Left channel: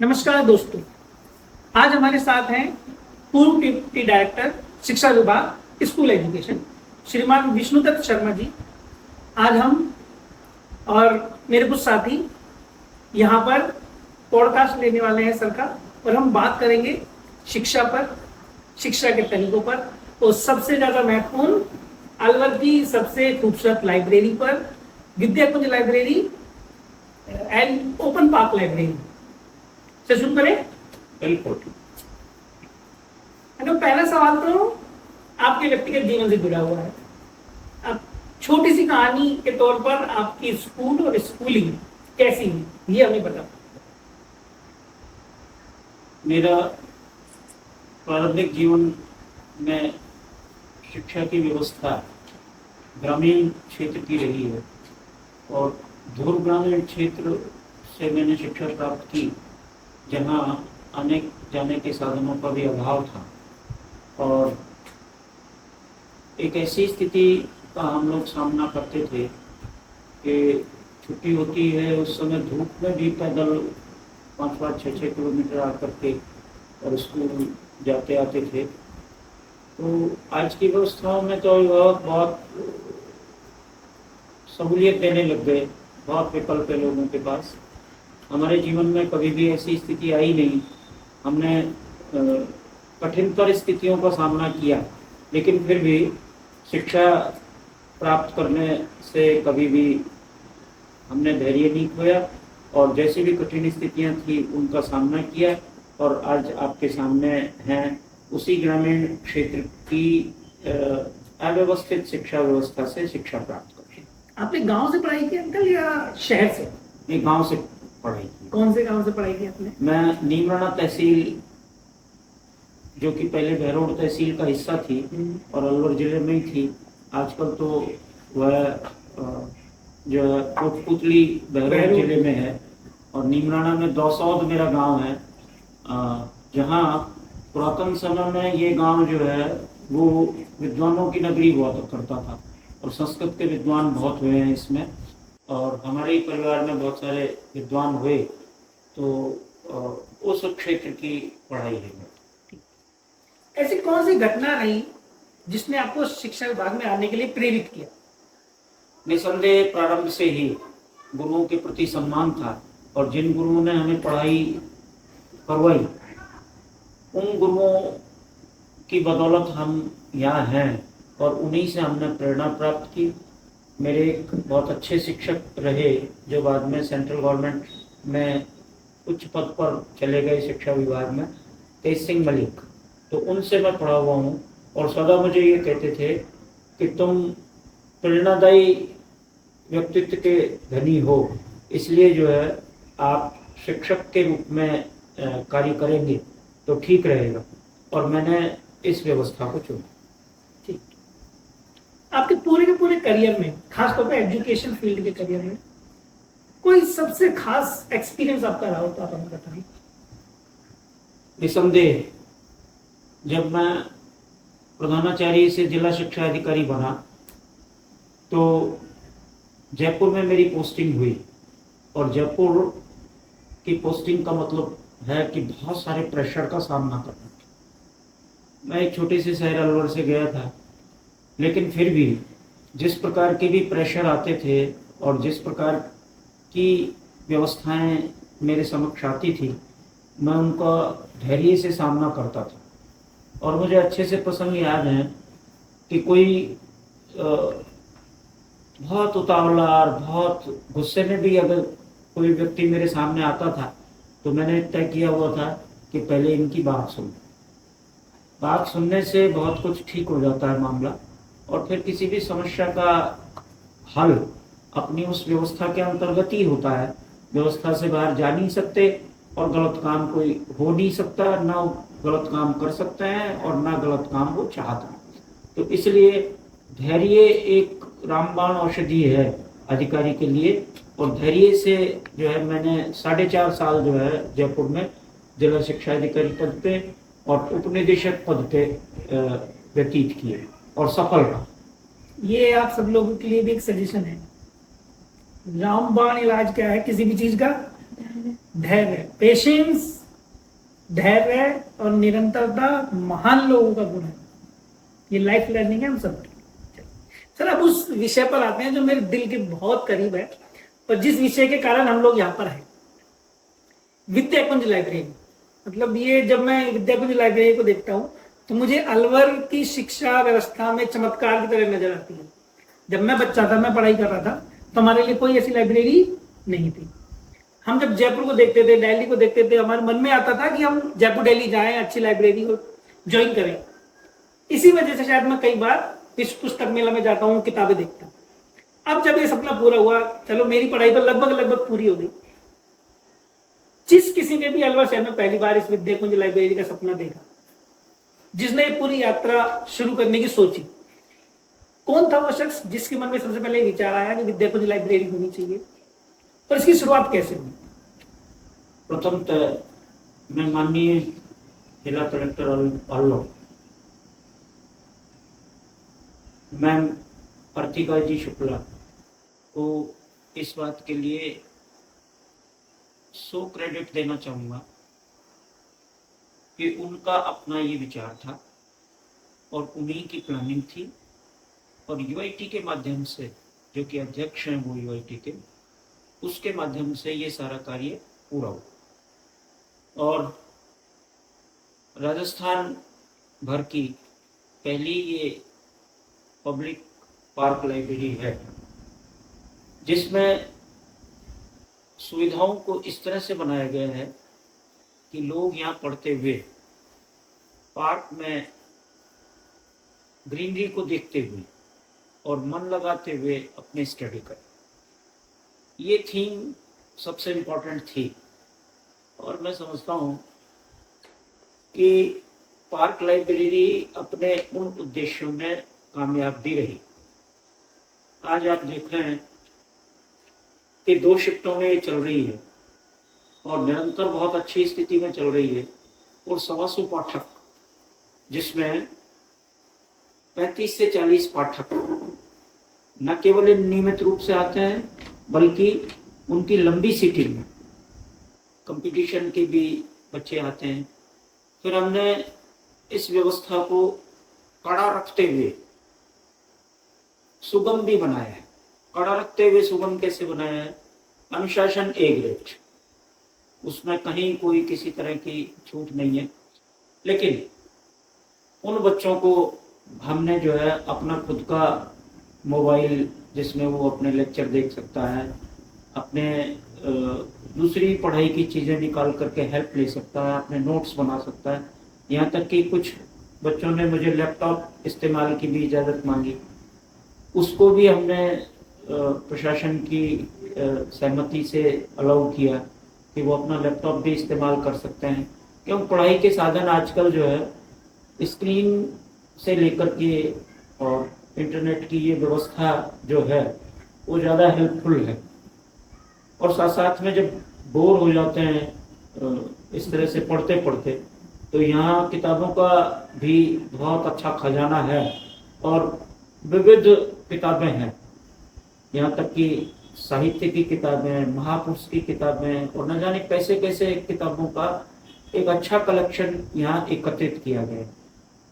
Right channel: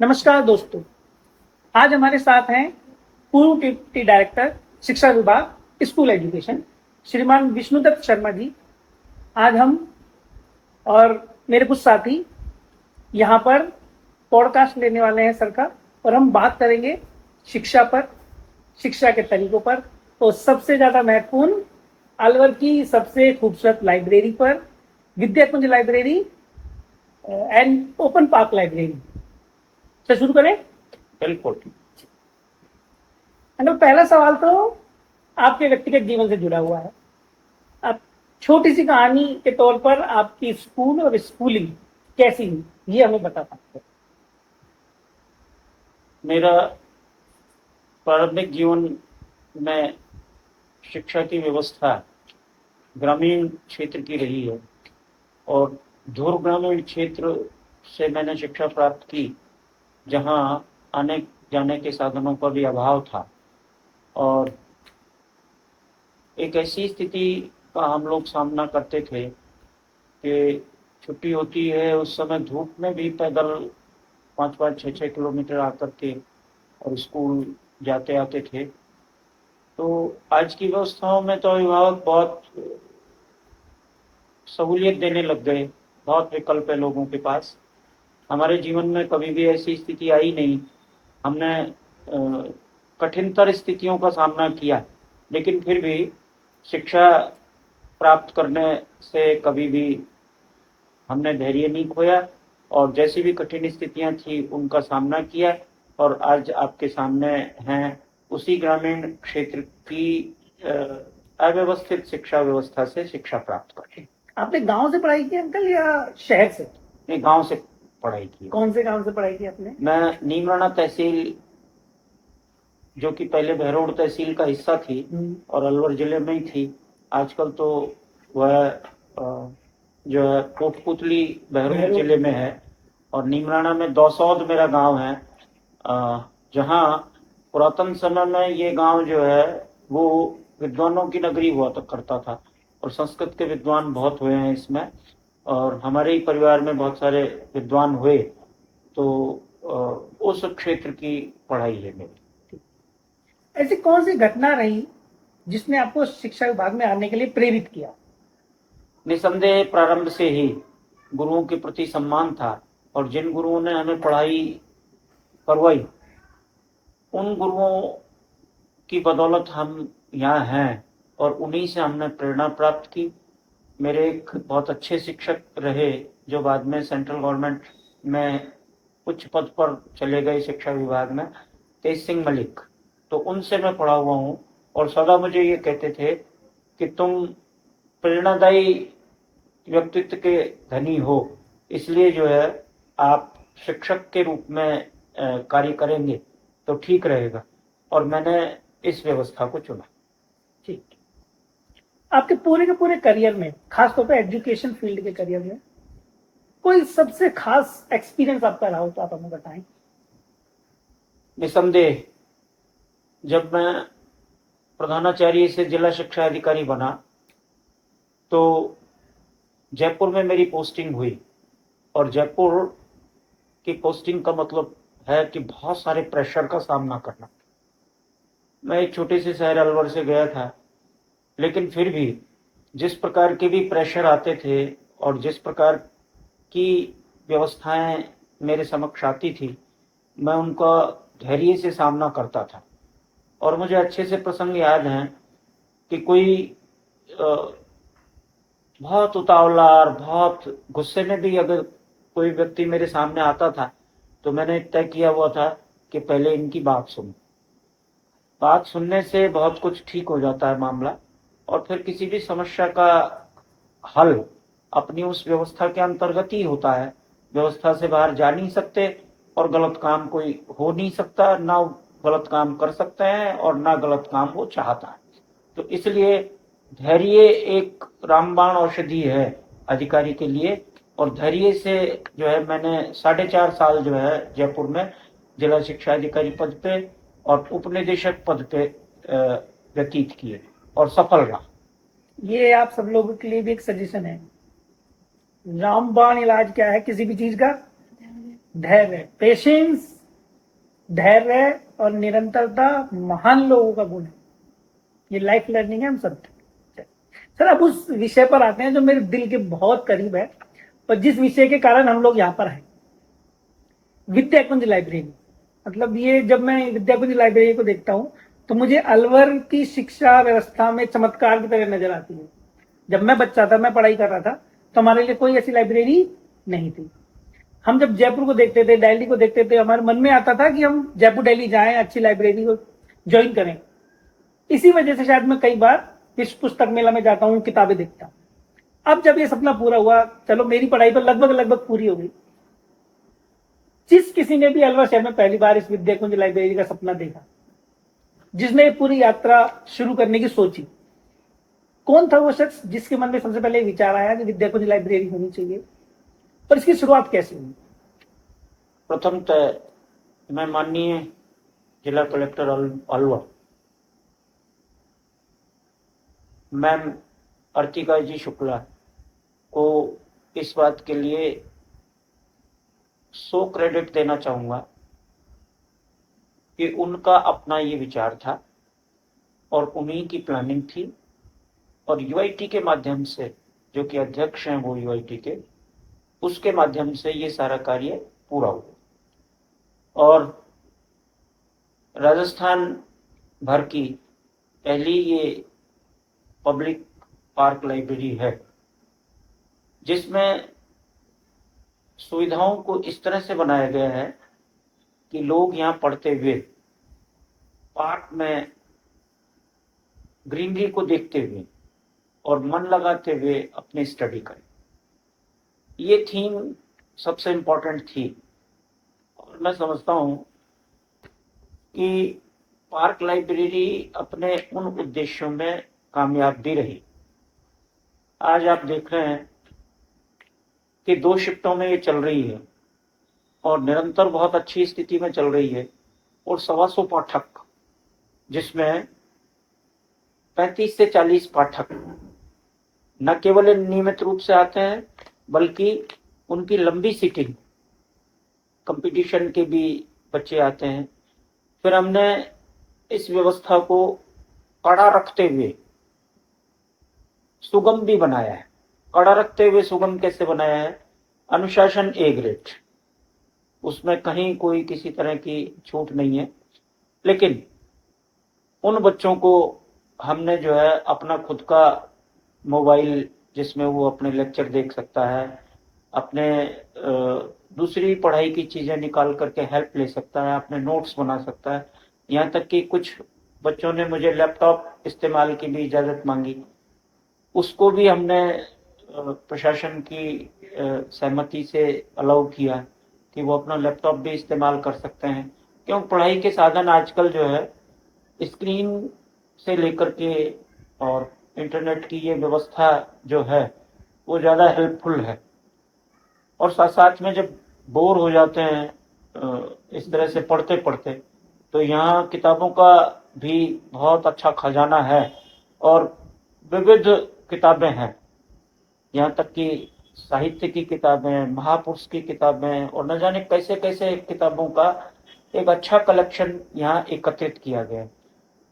नमस्कार दोस्तों, आज हमारे साथ हैं पूर्व डिप्टी डायरेक्टर शिक्षा विभाग स्कूल एजुकेशन श्रीमान विष्णुदत्त शर्मा जी। आज हम और मेरे कुछ साथी यहाँ पर पॉडकास्ट लेने वाले हैं सर का, और हम बात करेंगे शिक्षा पर, शिक्षा के तरीकों पर, और सबसे ज़्यादा महत्वपूर्ण अलवर की सबसे खूबसूरत लाइब्रेरी पर, Vidya Kunj library and open park library से शुरू करें। बिल्कुल। हेलो, पहला सवाल तो आपके व्यक्तिगत जीवन से जुड़ा हुआ है। अब छोटी सी कहानी के तौर पर आपकी स्कूल और स्कूलिंग कैसी हुई, ये हमें बता सकते हैं। मेरा प्रारंभिक जीवन में शिक्षा की व्यवस्था ग्रामीण क्षेत्र की रही है और दूर ग्रामीण क्षेत्र से मैंने शिक्षा प्राप्त की, जहाँ आने जाने के साधनों का भी अभाव था और एक ऐसी स्थिति का हम लोग सामना करते थे कि छुट्टी होती है उस समय धूप में भी पैदल 5-5, 6-6 किलोमीटर आकर के और स्कूल जाते आते थे। तो आज की व्यवस्थाओं में तो अभिभावक बहुत सहूलियत देने लग गए, बहुत विकल्प है लोगों के पास। हमारे जीवन में कभी भी ऐसी स्थिति आई नहीं। हमने कठिनतर स्थितियों का सामना किया, लेकिन फिर भी शिक्षा प्राप्त करने से कभी भी हमने धैर्य नहीं खोया और जैसी भी कठिन स्थितियां थी उनका सामना किया और आज आपके सामने हैं उसी ग्रामीण क्षेत्र की अव्यवस्थित शिक्षा व्यवस्था से शिक्षा प्राप्त करके। आपने गांव से पढ़ाई की अंकल या शहर से? मैं गांव से पढ़ाई की। कौन से गांव से पढ़ाई की आपने? मैं नीमराना तहसील, जो कि पहले बहरोड तहसील का हिस्सा थी और अलवर जिले में ही थी, आजकल तो वह जो है कोटपुतली बहरोड जिले में है, और नीमराना में दौसौद मेरा गांव है, जहां पुरातन समय में ये गांव जो है वो विद्वानों की नगरी हुआ करता था और संस्कृत के विद्वान बहुत हुए हैं इसमें, और हमारे ही परिवार में बहुत सारे विद्वान हुए। तो उस क्षेत्र की पढ़ाई है मेरी। ऐसी कौन सी घटना रही जिसने आपको शिक्षा विभाग में आने के लिए प्रेरित किया? निसंदेह प्रारंभ से ही गुरुओं के प्रति सम्मान था और जिन गुरुओं ने हमें पढ़ाई करवाई उन गुरुओं की बदौलत हम यहाँ हैं और उन्हीं से हमने प्रेरणा प्राप्त की। मेरे एक बहुत अच्छे शिक्षक रहे जो बाद में सेंट्रल गवर्नमेंट में उच्च पद पर चले गए शिक्षा विभाग में, तेज सिंह मलिक। तो उनसे मैं पढ़ा हुआ हूँ और सदा मुझे ये कहते थे कि तुम प्रेरणादायी व्यक्तित्व के धनी हो, इसलिए जो है आप शिक्षक के रूप में कार्य करेंगे तो ठीक रहेगा, और मैंने इस व्यवस्था को चुना। ठीक। आपके पूरे के पूरे करियर में, खासतौर पर एजुकेशन फील्ड के करियर में, कोई सबसे खास एक्सपीरियंस आपका रहा हो तो आप हमें बताएं। निसंदेह जब मैं प्रधानाचार्य से जिला शिक्षा अधिकारी बना तो जयपुर में मेरी पोस्टिंग हुई, और जयपुर की पोस्टिंग का मतलब है कि बहुत सारे प्रेशर का सामना करना। मैं एक छोटे से शहर अलवर से गया था, लेकिन फिर भी जिस प्रकार के भी प्रेशर आते थे और जिस प्रकार की व्यवस्थाएं मेरे समक्ष आती थी, मैं उनका धैर्य से सामना करता था। और मुझे अच्छे से प्रसंग याद हैं कि कोई बहुत उतावला और बहुत गुस्से में भी अगर कोई व्यक्ति मेरे सामने आता था तो मैंने तय किया हुआ था कि पहले इनकी बात सुनने से बहुत कुछ ठीक हो जाता है मामला, और फिर किसी भी समस्या का हल अपनी उस व्यवस्था के अंतर्गत ही होता है। व्यवस्था से बाहर जा नहीं सकते और गलत काम कोई हो नहीं सकता, ना गलत काम कर सकते हैं और ना गलत काम वो चाहता है। तो इसलिए धैर्य एक रामबाण औषधि है अधिकारी के लिए, और धैर्य से जो है मैंने 4.5 साल जो है जयपुर में जिला शिक्षा अधिकारी पद पे और उपनिदेशक पद पे व्यतीत किए और सफल रहा। ये आप सब लोगों के लिए भी एक सजेशन है। रामबाण इलाज क्या है किसी भी चीज का? धैर्य, पेशेंस, धैर्य और निरंतरता महान लोगों का गुण है। ये लाइफ लर्निंग है हम सब। सर अब उस विषय पर आते हैं जो मेरे दिल के बहुत करीब है और जिस विषय के कारण हम लोग यहाँ पर हैं, विद्याकुंज लाइब्रेरी। मतलब ये जब मैं विद्याकुंज लाइब्रेरी को देखता हूँ तो मुझे अलवर की शिक्षा व्यवस्था में चमत्कार की तरह नजर आती है। जब मैं बच्चा था, मैं पढ़ाई कर रहा था, तो हमारे लिए कोई ऐसी लाइब्रेरी नहीं थी। हम जब जयपुर को देखते थे, दिल्ली को देखते थे, हमारे मन में आता था कि हम जयपुर दिल्ली जाएं, अच्छी लाइब्रेरी को ज्वाइन करें। इसी वजह से शायद मैं कई बार विश्व पुस्तक मेला में जाता हूँ, किताबें देखता हूँ। अब जब ये सपना पूरा हुआ, चलो मेरी पढ़ाई तो लगभग पूरी हो गई। जिस किसी ने भी अलवर शहर में पहली बार इस विद्याकुंज लाइब्रेरी का सपना देखा, जिसने पूरी यात्रा शुरू करने की सोची, कौन था वो शख्स जिसके मन में सबसे पहले विचार आया कि विद्याकुंज लाइब्रेरी होनी चाहिए, और इसकी शुरुआत कैसे हुई? प्रथमतः मैं माननीय जिला कलेक्टर अलवर मैम अर्तिका जी शुक्ला को इस बात के लिए 100 क्रेडिट देना चाहूँगा कि उनका अपना ये विचार था और उन्हीं की प्लानिंग थी, और यूआईटी के माध्यम से, जो कि अध्यक्ष हैं वो यूआईटी के, उसके माध्यम से ये सारा कार्य पूरा हुआ। और राजस्थान भर की पहली ये पब्लिक पार्क लाइब्रेरी है जिसमें सुविधाओं को इस तरह से बनाया गया है कि लोग यहाँ पढ़ते हुए पार्क में ग्रीनरी को देखते हुए और मन लगाते हुए अपनी स्टडी करें। ये थीम सबसे इम्पोर्टेंट थी, और मैं समझता हूँ कि पार्क लाइब्रेरी अपने उन उद्देश्यों में कामयाब भी रही। आज आप देख रहे हैं कि 2 शिफ्टों में ये चल रही है और निरंतर बहुत अच्छी स्थिति में चल रही है, और 125 पाठक, जिसमें 35 से 40 पाठक न केवल नियमित रूप से आते हैं बल्कि उनकी लंबी सीटिंग में कंपटीशन के भी बच्चे आते हैं। फिर हमने इस व्यवस्था को कड़ा रखते हुए सुगम भी बनाया है। कड़ा रखते हुए सुगम कैसे बनाया है? अनुशासन A ग्रेड, उसमें कहीं कोई किसी तरह की छूट नहीं है। लेकिन उन बच्चों को हमने जो है अपना खुद का मोबाइल, जिसमें वो अपने लेक्चर देख सकता है, अपने दूसरी पढ़ाई की चीज़ें निकाल करके हेल्प ले सकता है, अपने नोट्स बना सकता है। यहाँ तक कि कुछ बच्चों ने मुझे लैपटॉप इस्तेमाल की भी इजाज़त मांगी, उसको भी हमने प्रशासन की सहमति से अलाउ किया कि वो अपना लैपटॉप भी इस्तेमाल कर सकते हैं। क्यों? पढ़ाई के साधन आजकल जो है स्क्रीन से लेकर के और इंटरनेट की ये व्यवस्था जो है वो ज़्यादा हेल्पफुल है। और साथ साथ में जब बोर हो जाते हैं इस तरह से पढ़ते पढ़ते, तो यहाँ किताबों का भी बहुत अच्छा खजाना है और विविध किताबें हैं। यहाँ तक कि साहित्य की किताबें, महापुरुष की किताबें और न जाने कैसे कैसे किताबों का एक अच्छा कलेक्शन यहाँ एकत्रित किया गया है।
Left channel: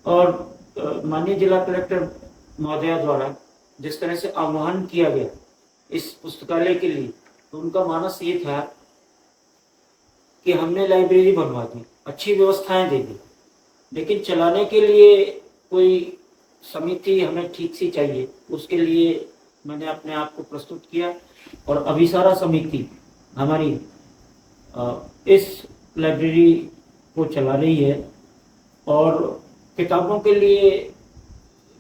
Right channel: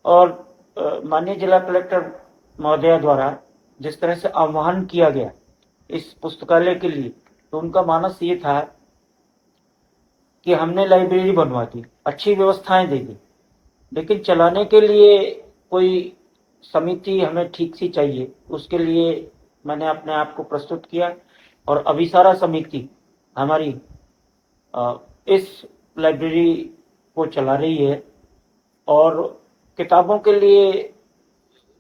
और माननीय जिला कलेक्टर महोदया द्वारा जिस तरह से आह्वान किया गया इस पुस्तकालय के लिए, तो उनका मानस ये था कि हमने लाइब्रेरी बनवा दी, अच्छी व्यवस्थाएं दे दी, लेकिन चलाने के लिए कोई समिति हमें ठीक सी चाहिए। उसके लिए मैंने अपने आप को प्रस्तुत किया और अभिसारा समिति हमारी इस लाइब्रेरी को चला रही है। और किताबों के लिए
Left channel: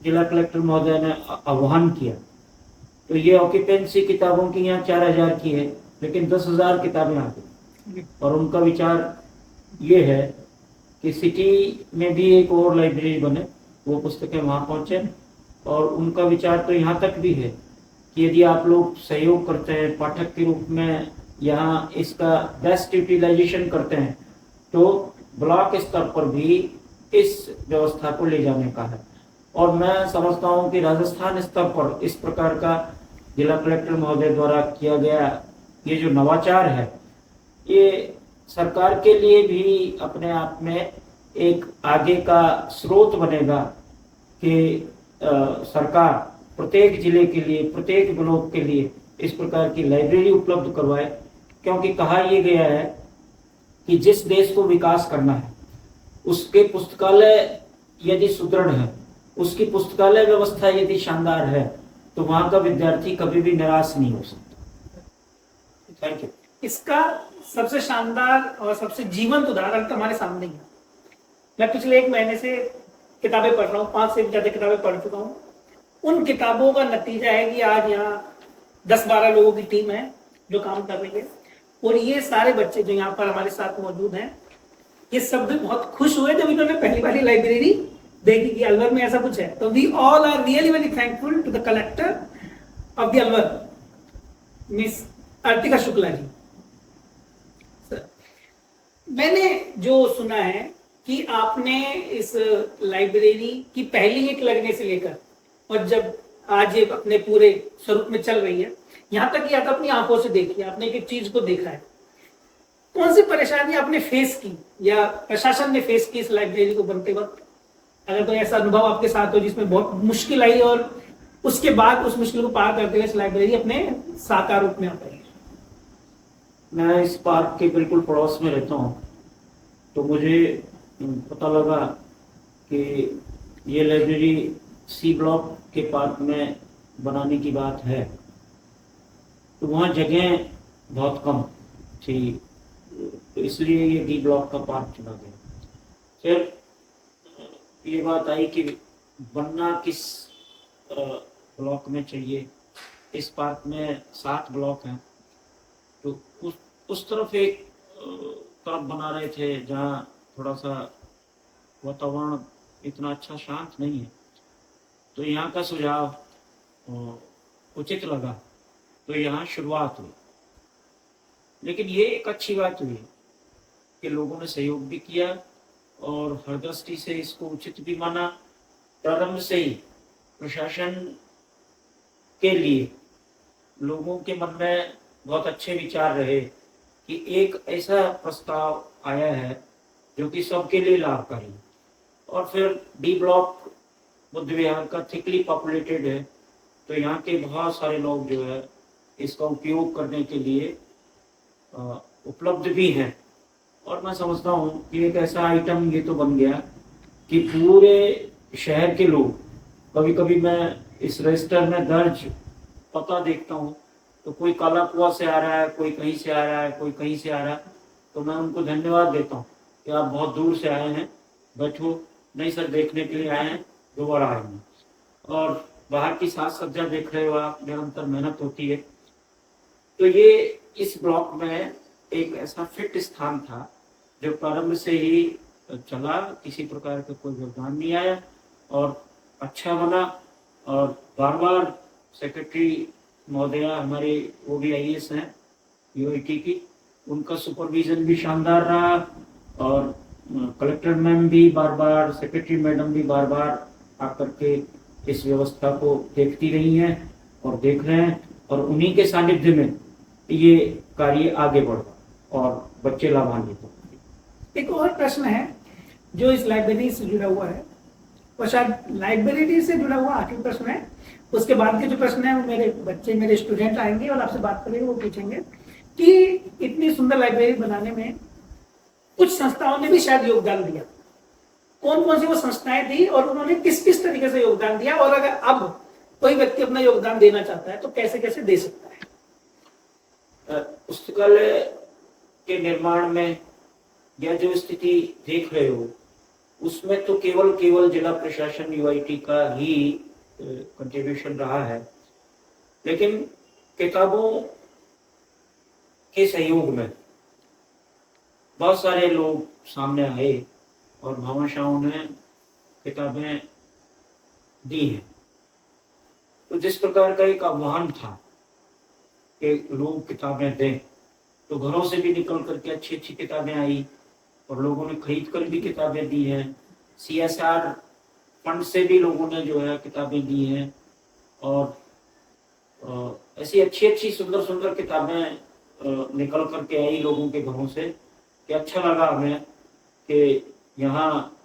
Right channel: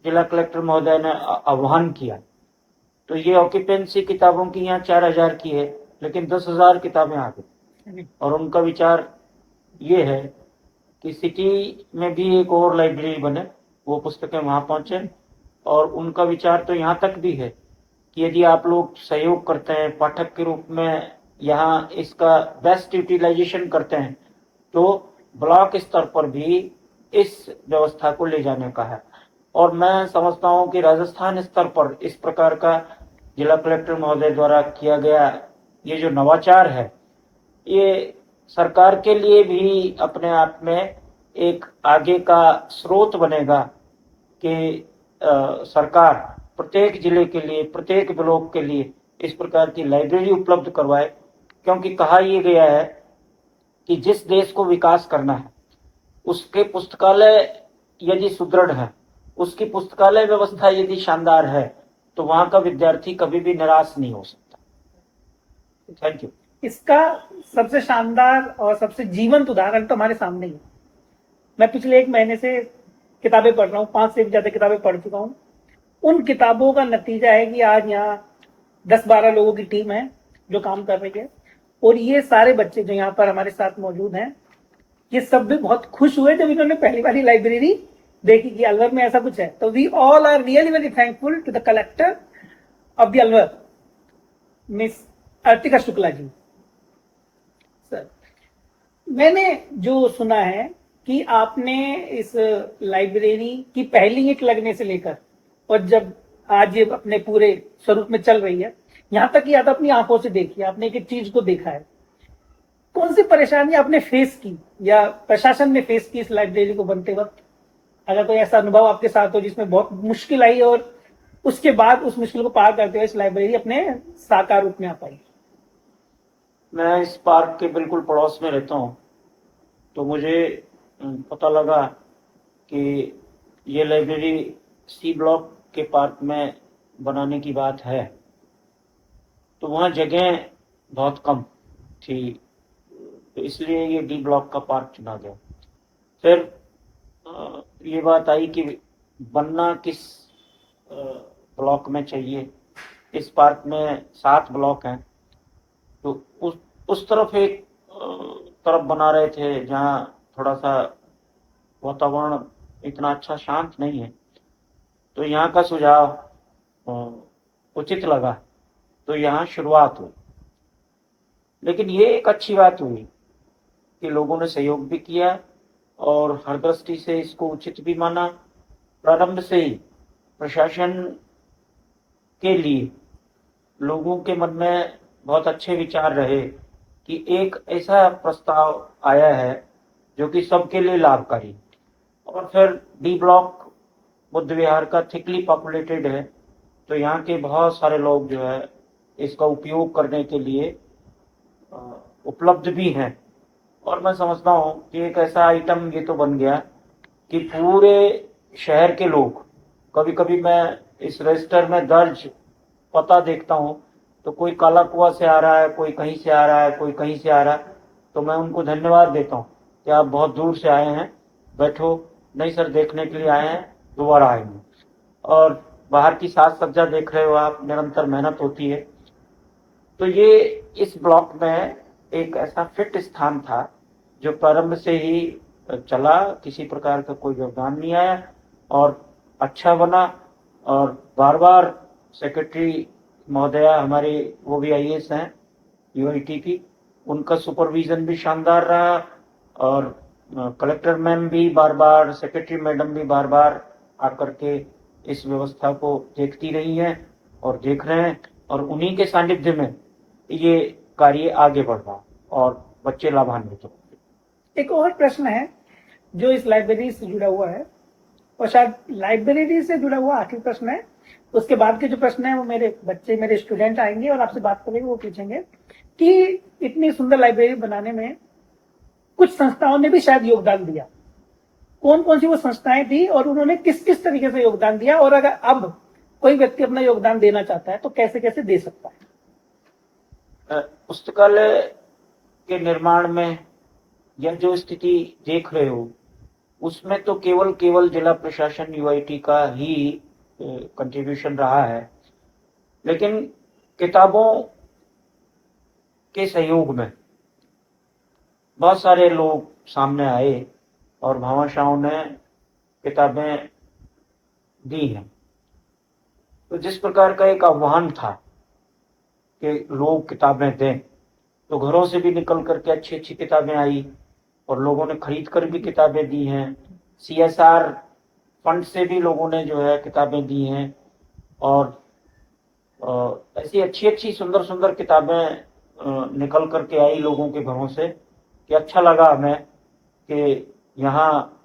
जिला कलेक्टर महोदय ने आह्वान किया, तो ये ऑक्यूपेंसी किताबों की यहाँ 4000 की है, लेकिन 10,000 किताबें आ गई। और उनका विचार ये है कि सिटी में भी एक और लाइब्रेरी बने, वो पुस्तकें वहाँ पहुँचे। और उनका विचार तो यहाँ तक भी है कि यदि आप लोग सहयोग करते हैं, पाठक के रूप में यहाँ इसका बेस्ट यूटिलाइजेशन करते हैं, तो ब्लॉक स्तर पर भी इस व्यवस्था को ले जाने का है। और मैं समझता हूँ कि राजस्थान स्तर पर इस प्रकार का जिला कलेक्टर महोदय द्वारा किया गया ये जो नवाचार है, ये सरकार के लिए भी अपने आप में एक आगे का स्रोत बनेगा कि सरकार प्रत्येक जिले के लिए, प्रत्येक ब्लॉक के लिए इस प्रकार की लाइब्रेरी उपलब्ध करवाए। क्योंकि कहा यह गया है कि जिस देश को विकास करना है उसके पुस्तकालय यदि सुदृढ़ है, उसकी पुस्तकालय व्यवस्था यदि शानदार है, तो वहां का विद्यार्थी कभी भी निराश नहीं हो सकता। Thank you. इसका सबसे शानदार और सबसे जीवंत उदाहरण तो हमारे सामने ही है। मैं पिछले 1 महीने से किताबें पढ़ रहा हूँ, 5 से भी ज्यादा किताबें पढ़ चुका हूँ। उन किताबों का नतीजा है कि आज यहाँ 10-12 लोगों की टीम है जो काम कर रही है, और ये सारे बच्चे जो यहाँ पर हमारे साथ मौजूद हैं, ये सब भी बहुत खुश हुए जब इन्होंने पहली वाली लाइब्रेरी देखी कि अलवर में ऐसा कुछ है। तो we all are really very thankful to the collector of the Alwar, miss Artika Shukla ji. Sir, मैंने जो सुना है कि आपने इस लाइब्रेरी की पहली ईंट लगने से लेकर और जब आज ये अपने पूरे स्वरूप में चल रही है, यहाँ तक कि आप अपनी आंखों से देखिए, आपने एक एक चीज को देखा है, कौन सी परेशानी आपने फेस की या प्रशासन ने फेस की इस लाइब्रेरी को बनते वक्त? अगर कोई ऐसा अनुभव आपके साथ हो जिसमें बहुत मुश्किल आई और उसके बाद उस मुश्किल को पार करते हुए इस लाइब्रेरी अपने साकार रूप में आ पाई। मैं इस पार्क के बिल्कुल पड़ोस में रहता हूँ, तो मुझे पता लगा कि ये लाइब्रेरी सी ब्लॉक के पार्क में बनाने की बात है, तो वहाँ जगह बहुत कम थी, तो इसलिए ये डी ब्लॉक का पार्क चुना गया। फिर ये बात आई कि बनना किस ब्लॉक में चाहिए। इस पार्क में 7 ब्लॉक हैं, तो उस तरफ एक तरफ बना रहे थे जहाँ थोड़ा सा वातावरण इतना अच्छा शांत नहीं है, तो यहाँ का सुझाव उचित लगा, तो यहाँ शुरुआत हुई। लेकिन ये एक अच्छी बात हुई कि लोगों ने सहयोग भी किया और हर दृष्टि से इसको उचित भी माना। प्रारंभ से ही प्रशासन के लिए लोगों के मन में बहुत अच्छे विचार रहे कि एक ऐसा प्रस्ताव आया है जो कि सबके लिए लाभकारी, और फिर डी ब्लॉक बुद्ध विहार का थिकली पॉपुलेटेड है, तो यहाँ के बहुत सारे लोग जो है इसका उपयोग करने के लिए उपलब्ध भी हैं। और मैं समझता हूँ कि एक ऐसा आइटम ये तो बन गया कि पूरे शहर के लोग, कभी कभी मैं इस रजिस्टर में दर्ज पता देखता हूँ तो कोई काला कुआ से आ रहा है, कोई कहीं से आ रहा है, कोई कहीं से आ रहा है, तो मैं उनको धन्यवाद देता हूँ कि आप बहुत दूर से आए हैं, बैठो, नहीं सर देखने के लिए आए हैं, दोबारा आएंगे। और बाहर की साज सज्जा देख रहे हो आप, निरंतर मेहनत होती है। तो ये इस ब्लॉक में एक ऐसा फिट स्थान था जो प्रारंभ से ही चला, किसी प्रकार का कोई व्यवधान नहीं आया और अच्छा बना। और बार बार सेक्रेटरी महोदया हमारी, वो भी आईएएस हैं यूआईटी की, उनका सुपरविजन भी शानदार रहा, और कलेक्टर मैम भी बार बार, सेक्रेटरी मैडम भी बार बार आकर के इस व्यवस्था को देखती रही हैं और देख रहे हैं, और उन्हीं के सानिध्य में ये कार्य आगे बढ़ रहा और बच्चे लाभान्वित होंगे। एक और प्रश्न है जो इस लाइब्रेरी से जुड़ा हुआ है, और शायद लाइब्रेरी से जुड़ा हुआ आखिरी प्रश्न है। उसके बाद के जो प्रश्न है वो मेरे बच्चे, मेरे स्टूडेंट आएंगे और आपसे बात करेंगे, वो पूछेंगे कि इतनी सुंदर लाइब्रेरी बनाने में कुछ संस्थाओं ने भी शायद योगदान दिया। कौन कौन सी वो संस्थाएं थी और उन्होंने किस किस तरीके से योगदान दिया, और अगर अब कोई व्यक्ति अपना योगदान देना चाहता है तो कैसे कैसे दे सकता है? पुस्तकालय के निर्माण में यह जो स्थिति देख रहे हो, उसमें तो केवल जिला प्रशासन यूआईटी का ही कंट्रीब्यूशन रहा है, लेकिन किताबों के सहयोग में बहुत सारे लोग सामने आए और भामाशाहों ने किताबें दी हैं। तो जिस प्रकार का एक आह्वान था कि लोग किताबें दें, तो घरों से भी निकल करके अच्छी अच्छी किताबें आई और लोगों ने खरीद कर भी किताबें दी हैं। सीएसआर फंड से भी लोगों ने जो है किताबें दी हैं, और ऐसी अच्छी अच्छी सुंदर सुंदर किताबें निकल करके आई लोगों के घरों से, कि अच्छा लगा हमें कि यहाँ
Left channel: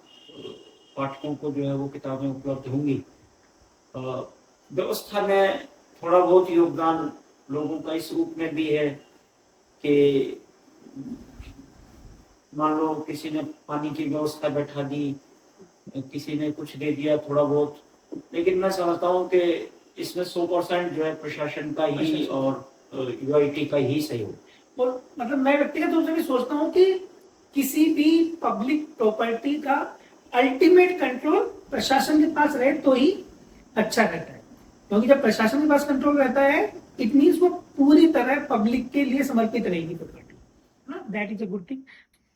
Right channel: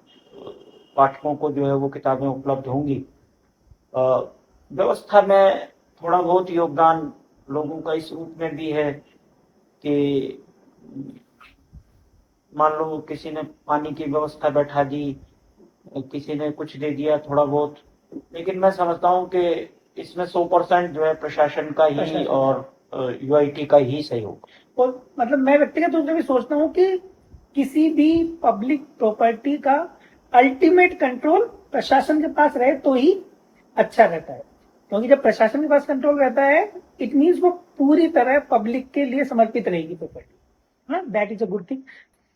पाठकों को जो है वो किताबें उपलब्ध होंगी। व्यवस्था में थोड़ा बहुत योगदान लोगों का इस रूप में भी है कि मान लो किसी ने पानी की व्यवस्था बैठा दी, किसी ने कुछ दे दिया थोड़ा बहुत, लेकिन मैं समझता हूँ कि इसमें 100% जो है प्रशासन का ही और यूआईटी का ही सहयोग। और मतलब मैं व्यक्तिगत रूप से भी सोचता हूँ कि किसी भी पब्लिक प्रॉपर्टी का अल्टीमेट कंट्रोल प्रशासन के पास रहे तो ही अच्छा रहता है, क्योंकि जब प्रशासन के पास कंट्रोल रहता है इट मीन्स वो पूरी तरह पब्लिक के लिए समर्पित रहेगी property. That is a good thing.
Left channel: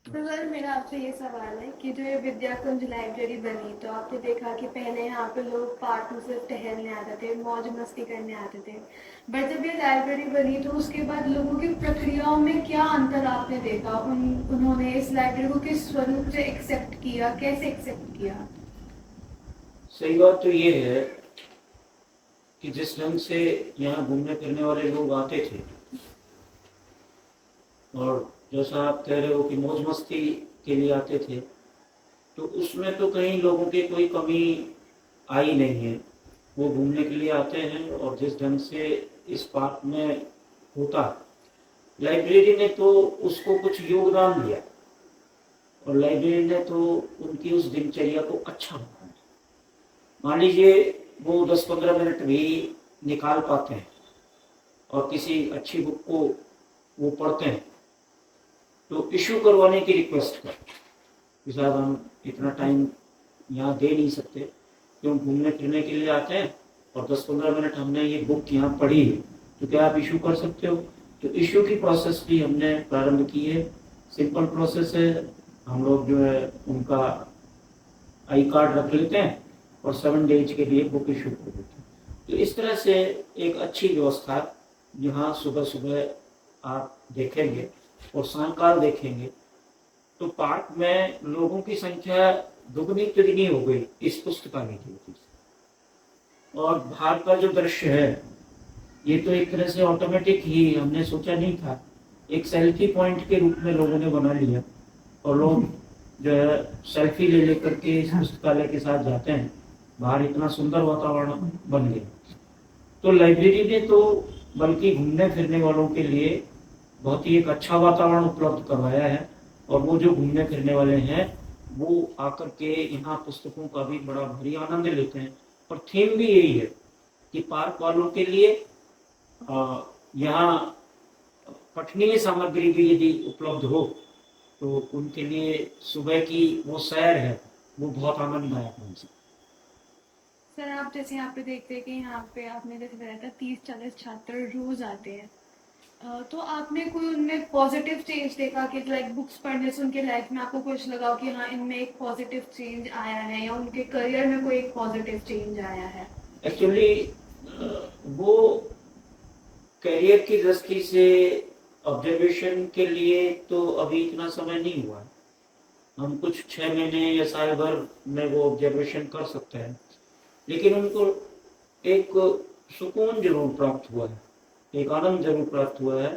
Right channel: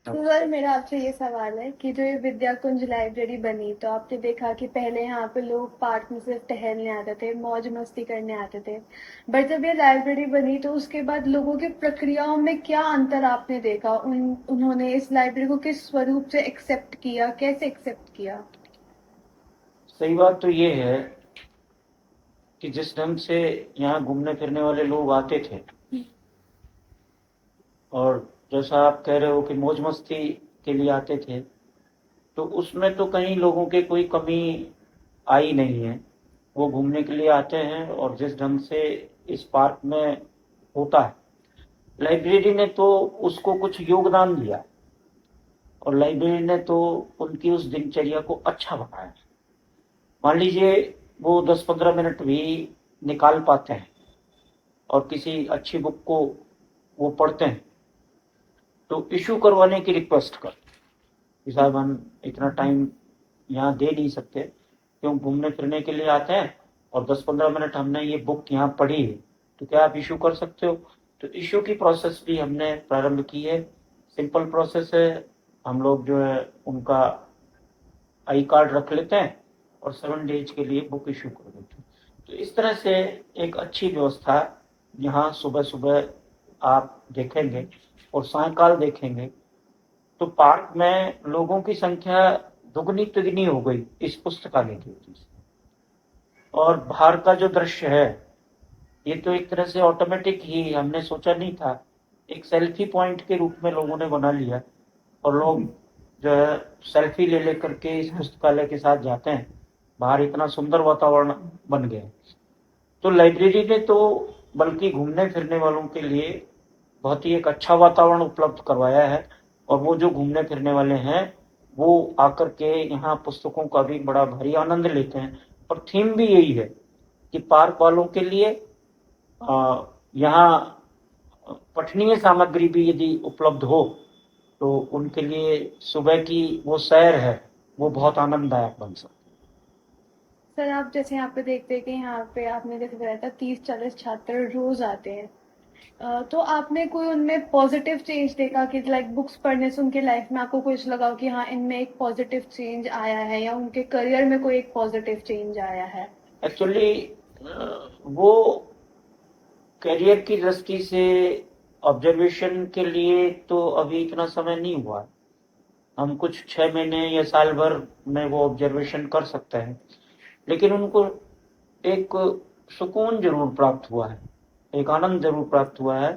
तो सर मेरा आपसे ये सवाल है कि जो ये विद्या कुंज लाइब्रेरी बनी, तो आपने देखा कि पहले यहाँ पे लोग पार्क में सिर्फ टहलने आते थे, मौज मस्ती करने आते थे, बट जब ये लाइब्रेरी बनी तो उसके बाद लोगों की प्रक्रियाओं में क्या अंतर आपने देखा? उन्होंने इस लाइब्रेरी को किस स्वरूप से एक्सेप्ट किया, कैसे एक्सेप्ट किया? सही बात तो ये है कि जिस ढंग से यहाँ घूमने फिरने वाले लोग आते थे, और जैसा आप कह रहे हो कि मौज मस्ती के लिए आते थे, तो उसमें तो कहीं लोगों की कोई कमी आई नहीं है। वो घूमने के लिए आते हैं, और जिस ढंग से इस पार्क में होता है, लाइब्रेरी ने तो उसको कुछ योगदान दिया, और लाइब्रेरी ने तो उनकी उस दिनचर्या को अच्छा बनाया। मान लीजिए वो 10-15 मिनट भी निकाल पाते हैं और किसी अच्छी बुक को वो पढ़ते हैं, तो इशू करवाने की रिक्वेस्ट कर कि साहब हम इतना टाइम यहाँ दे नहीं सकते, क्यों घूमने फिरने के लिए आते हैं और 10-15 मिनट हमने ये बुक यहाँ पढ़ी है, तो क्या आप इशू कर सकते हो? तो इशू की प्रोसेस भी हमने प्रारंभ की है। सिंपल प्रोसेस है, हम लोग जो है उनका आई कार्ड रख लेते हैं और 7 डेज के लिए बुक इशू कर देते हैं। तो इस तरह से एक अच्छी व्यवस्था यहाँ सुबह सुबह आप देखेंगे और सायंकाल देखेंगे तो पार्क में लोगों की संख्या दुगनी तिगनी हो गई इस पुस्तकालय की वजह से। और बाहर का जो दृश्य है ये तो एक तरह से ऑटोमेटिक ही, हमने सोचा नहीं था, एक सेल्फी पॉइंट के रूप में लोगों ने बना लिया, और लोग जो है सेल्फी ले लेकर के इस पुस्तकालय के साथ जाते हैं। बाहर इतना सुंदर वातावरण बन गया। तो लाइब्रेरी ने तो बल्कि घूमने फिरने वालों के लिए बहुत ही एक अच्छा वातावरण उपलब्ध करवाया है, और वो जो घूमने फिरने वाले हैं वो आकर के यहाँ पुस्तकों का भी बड़ा भारी आनंद लेते हैं। और थीम भी यही है कि पार्क वालों के लिए यहाँ पठनीय सामग्री भी यदि उपलब्ध हो तो उनके लिए सुबह की वो सैर है वो बहुत आनंददायक बन सकती। सर आप जैसे यहाँ पे देखते हैं कि यहाँ पे आपने जैसे बताया था 30-40 छात्र रोज आते हैं, तो आपने कोई उनमें पॉजिटिव चेंज देखा कि लाइक बुक्स पढ़ने से उनके लाइफ में आपको कुछ लगा हो कि हाँ इनमें एक पॉजिटिव चेंज आया है, या उनके करियर में कोई एक पॉजिटिव चेंज आया है? एक्चुअली वो करियर की दृष्टि से ऑब्जर्वेशन के लिए तो अभी इतना समय नहीं हुआ। हम कुछ 6 महीने या साल भर में वो ऑब्जर्वेशन कर सकते हैं, लेकिन उनको एक सुकून जरूर प्राप्त हुआ है, एक आनंद जरूर प्राप्त हुआ है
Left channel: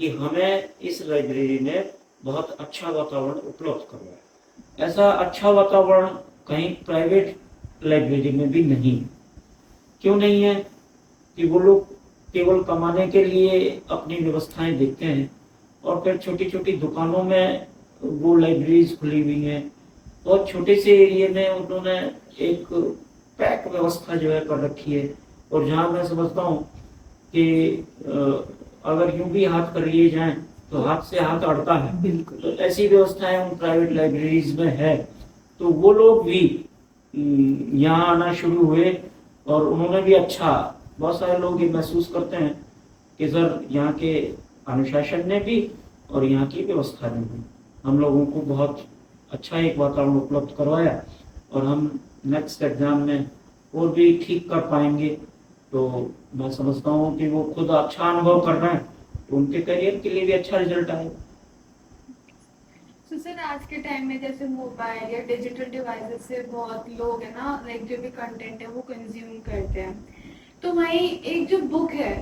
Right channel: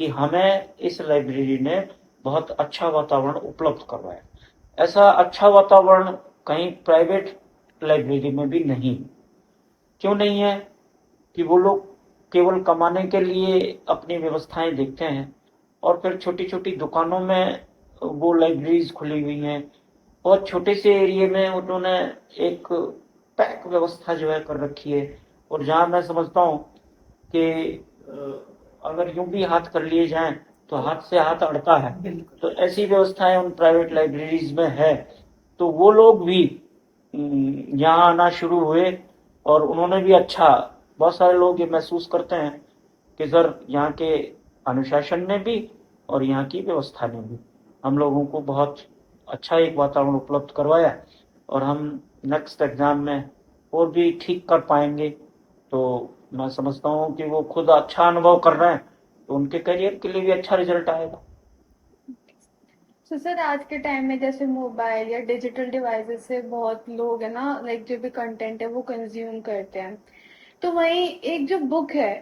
कि हमें इस लाइब्रेरी ने बहुत अच्छा वातावरण उपलब्ध करवाया। ऐसा अच्छा वातावरण कहीं प्राइवेट लाइब्रेरी में भी नहीं। क्यों नहीं है? कि वो लोग केवल कमाने के लिए अपनी व्यवस्थाएं देखते हैं, और फिर छोटी छोटी दुकानों में वो लाइब्रेरीज खुली हुई हैं, और छोटे से एरिया में उन्होंने एक पैक व्यवस्था जो है कर रखी है। और जहाँ मैं समझता हूँ कि अगर यूं भी हाथ कर लिए जाएं तो हाथ से हाथ अड़ता है, तो ऐसी व्यवस्थाएं उन प्राइवेट लाइब्रेरीज में है। तो वो लोग भी यहाँ आना शुरू हुए, और उन्होंने भी अच्छा, बहुत सारे लोग ये महसूस करते हैं कि सर यहाँ के अनुशासन ने भी और यहाँ की व्यवस्था ने भी हम लोगों को बहुत अच्छा एक वातावरण उपलब्ध करवाया, और हम नेक्स्ट एग्जाम में और भी ठीक कर पाएंगे। तो मैं समझता हूँ कि वो खुद अच्छा अनुभव कर रहे हैं, तो उनके करियर के लिए भी अच्छा रिजल्ट आएगा। तो सर आज के टाइम में जैसे मोबाइल या डिजिटल डिवाइसेस से बहुत लोग है ना, लाइक जो भी कंटेंट है वो कंज्यूम करते हैं, तो वहीं एक जो बुक है,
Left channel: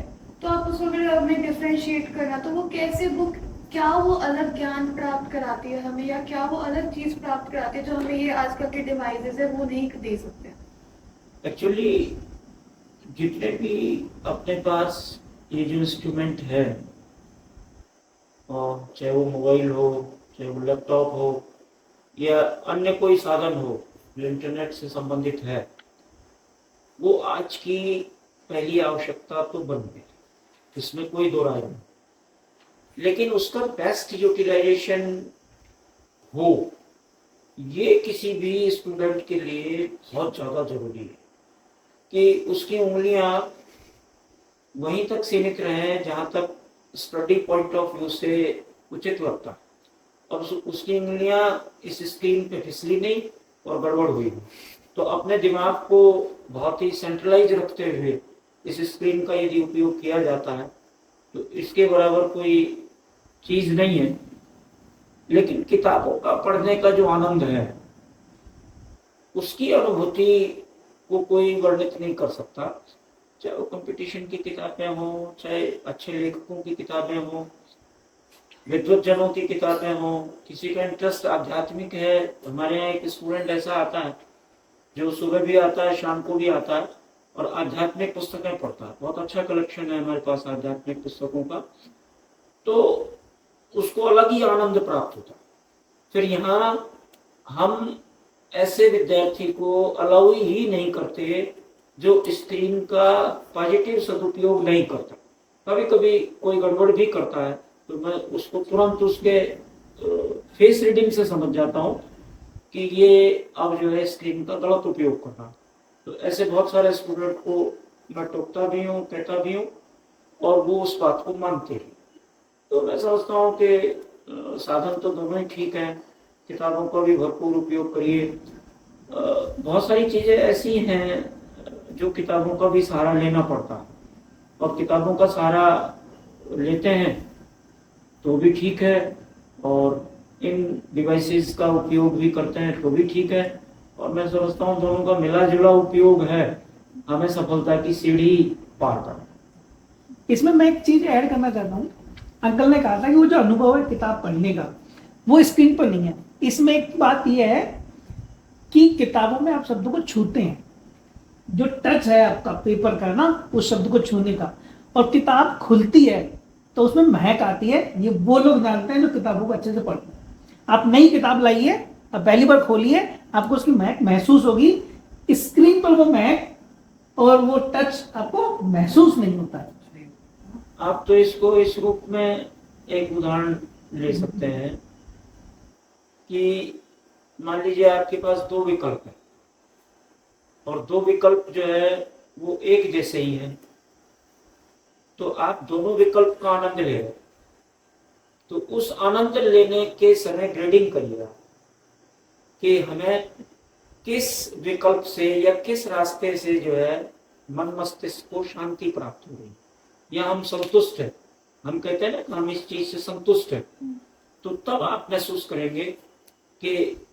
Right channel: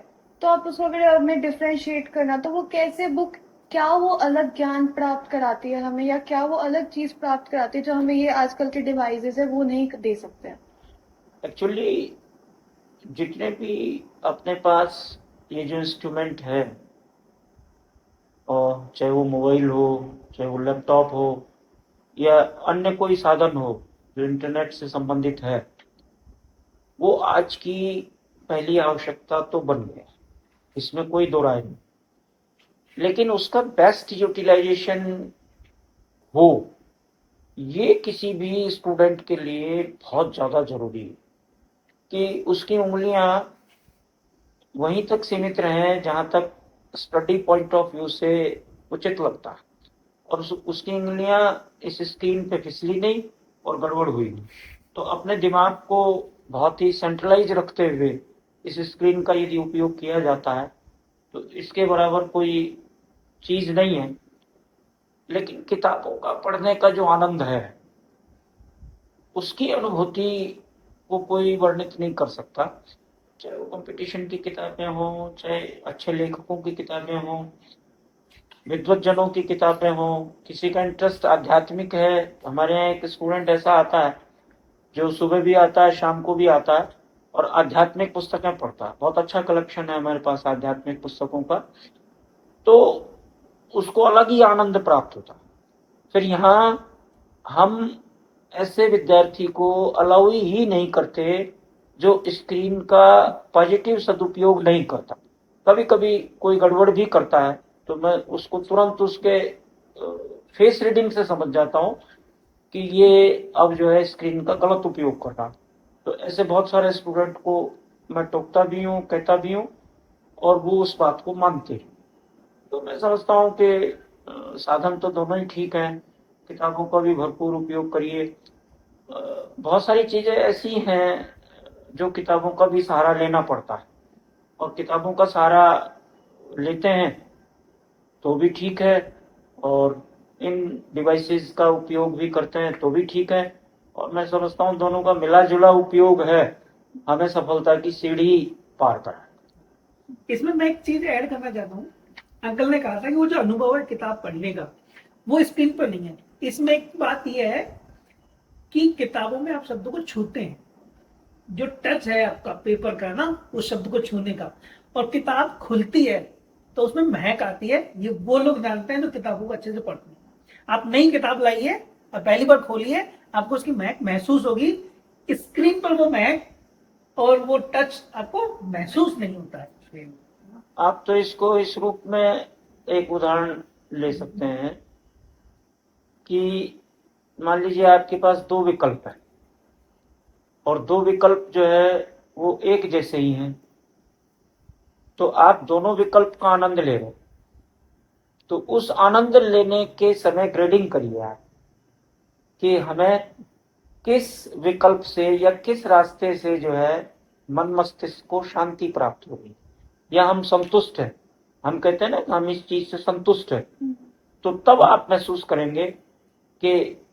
तो आप उसको अगर हमें डिफ्रेंशिएट करना, तो वो कैसे बुक क्या वो अलग ज्ञान प्राप्त कराती है हमें, या क्या वो अलग चीज प्राप्त कराती है जो हमें ये आजकल के डिवाइसेस है वो नहीं दे सकते? एक्चुअली जितने भी अपने पास ये जो इंस्ट्रूमेंट है, और चाहे वो मोबाइल हो, चाहे वो लैपटॉप हो, या अन्य कोई साधन हो जो इंटरनेट से संबंधित है, वो आज की पहली आवश्यकता तो बन गया, इसमें कोई दो राय नहीं। लेकिन उसका बेस्ट यूटिलाइजेशन हो, ये किसी भी स्टूडेंट के लिए बहुत ज़्यादा जरूरी है कि उसकी उंगलियां वहीं तक सीमित रहें जहां तक स्टडी पॉइंट ऑफ व्यू से उचित लगता है, और उसकी उंगलियां इस स्क्रीन पे फिसली नहीं और गड़बड़ हुई नहीं। तो अपने दिमाग को बहुत ही सेंट्रलाइज रखते हुए इस स्क्रीन का यदि उपयोग किया जाता है तो इसके बराबर कोई चीज़ नहीं है। लेकिन किताबों का पढ़ने का जो आनंद है, उसकी अनुभूति को कोई वर्णित नहीं कर सकता। चाहे वो कंपटीशन की किताबें हों, चाहे अच्छे लेखकों की किताबें हों, विद्वज्जनों की किताबें हों, किसी का इंटरेस्ट आध्यात्मिक है। हमारे यहाँ एक स्टूडेंट ऐसा आता है जो सुबह भी आता है, शाम को भी आता है और आध्यात्मिक पुस्तकें पढ़ता है। बहुत अच्छा कलेक्शन है हमारे पास आध्यात्मिक पुस्तकों का, तो उसको अलग ही आनंद प्राप्त होता है। फिर यहाँ हम ऐसे विद्यार्थी को अलाउ ही नहीं करते जो स्क्रीन का पॉजिटिव सदुपयोग नहीं करता। कभी कभी कोई गड़बड़ भी करता है तो मैं उसको तुरंत उसके फेस रीडिंग से समझ जाता हूँ कि ये अब जो है स्क्रीन का गलत उपयोग कर रहा। तो ऐसे बहुत सारे स्टूडेंट को मैं टोकता भी हूँ, कहता भी हूँ, और वो उस बात को मानते हैं। तो मैं समझता हूँ कि साधन तो दोनों ही ठीक हैं। किताबों का भी भरपूर उपयोग करिए। बहुत सारी चीज़ें ऐसी हैं जो किताबों का भी सहारा लेना पड़ता है, और किताबों का सहारा लेते हैं तो भी ठीक है, और इन डिवाइसेस का उपयोग भी करते हैं तो भी ठीक है। और मैं समझता हूँ दोनों का मिला जुला उपयोग है, हमें सफलता की सीढ़ी पार करना। इसमें मैं एक चीज ऐड करना चाहता हूँ। अंकल ने कहा था कि वो जो अनुभव है किताब पढ़ने का वो स्क्रीन पर नहीं है। इसमें एक बात यह है कि किताबों में आप शब्दों को छूते हैं, जो टच है आपका पेपर का ना, उस शब्द को छूने का, और किताब खुलती है तो उसमें महक आती है। ये वो लोग जानते हैं जो किताबों को अच्छे से पढ़ते हैं। आप नई किताब लाइए, आप पहली बार खोलिए, आपको उसकी महक महसूस होगी। स्क्रीन पर वो महक और वो टच आपको महसूस नहीं होता है। आप तो इसको इस रूप में एक उदाहरण ले सकते हैं कि मान लीजिए आपके पास दो विकल्प है, और दो विकल्प जो है वो एक जैसे ही हैं, तो आप दोनों विकल्प का आनंद ले रहे, तो उस आनंद लेने के समय ग्रेडिंग करिए आप कि हमें किस विकल्प से या किस रास्ते से जो है मन मस्तिष्क को शांति प्राप्त होगी, या हम संतुष्ट है। हम कहते हैं ना कि हम इस चीज से संतुष्ट है, तो तब आप महसूस करेंगे कि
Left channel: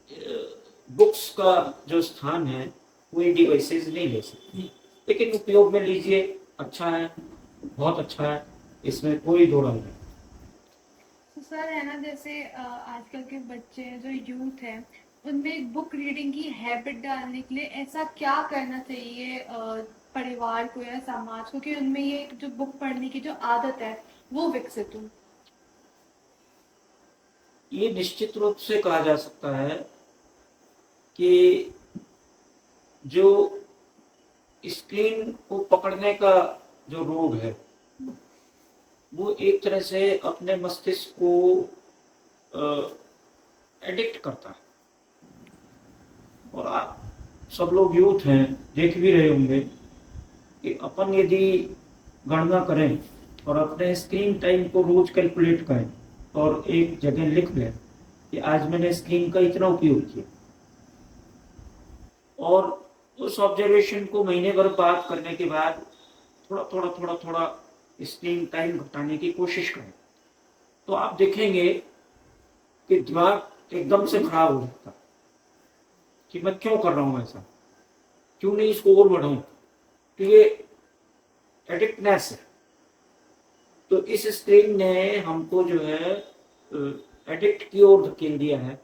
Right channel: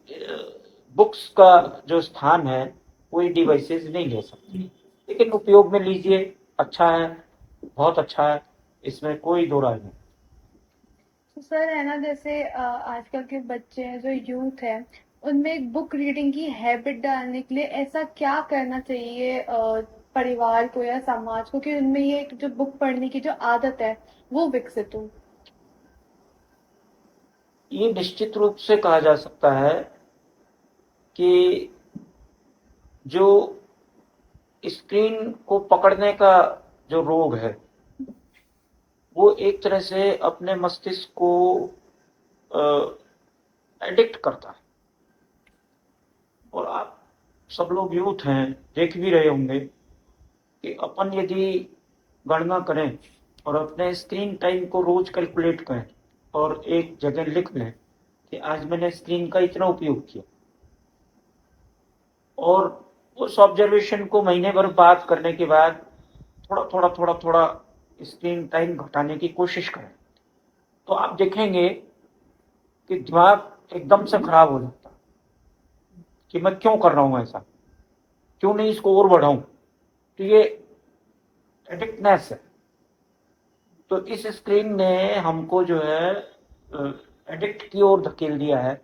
बुक्स का जो स्थान है कोई डिवाइसेस नहीं ले सकती। लेकिन उपयोग में लीजिए, अच्छा है, बहुत अच्छा है, इसमें कोई दो राय नहीं। तो सर है ना, जैसे आजकल के बच्चे हैं जो यूथ है, उनमें एक बुक रीडिंग की हैबिट डालने के लिए ऐसा क्या करना चाहिए परिवार को या समाज को कि उनमें ये जो बुक पढ़ने की जो आदत है वो विकसित हो? ये निश्चित रूप से कहा जा सकता है कि जो स्क्रीन को पकड़ने का जो रोग है वो एक तरह से अपने मस्तिष्क को एडिक्ट करता है। और आप सब लोग यूथ हैं, देख भी रहे होंगे कि अपन यदि गणना करें और अपने स्क्रीन टाइम को रोज कैलकुलेट करें और एक जगह लिख लें कि आज मैंने स्क्रीन का इतना उपयोग किया, और उस ऑब्जर्वेशन को महीने भर बात करने के बाद थोड़ा स्क्रीन टाइम घटाने की कोशिश करें, तो आप देखेंगे कि दिमाग एकदम से खराब हो जाता है कि मैं क्यों कर रहा हूं ऐसा, क्यों नहीं इसको और बढ़ाऊं। तो ये एडिक्टनेस है। तो इस स्क्रीन ने हमको जो है एडिक्ट की ओर धकेल दिया है,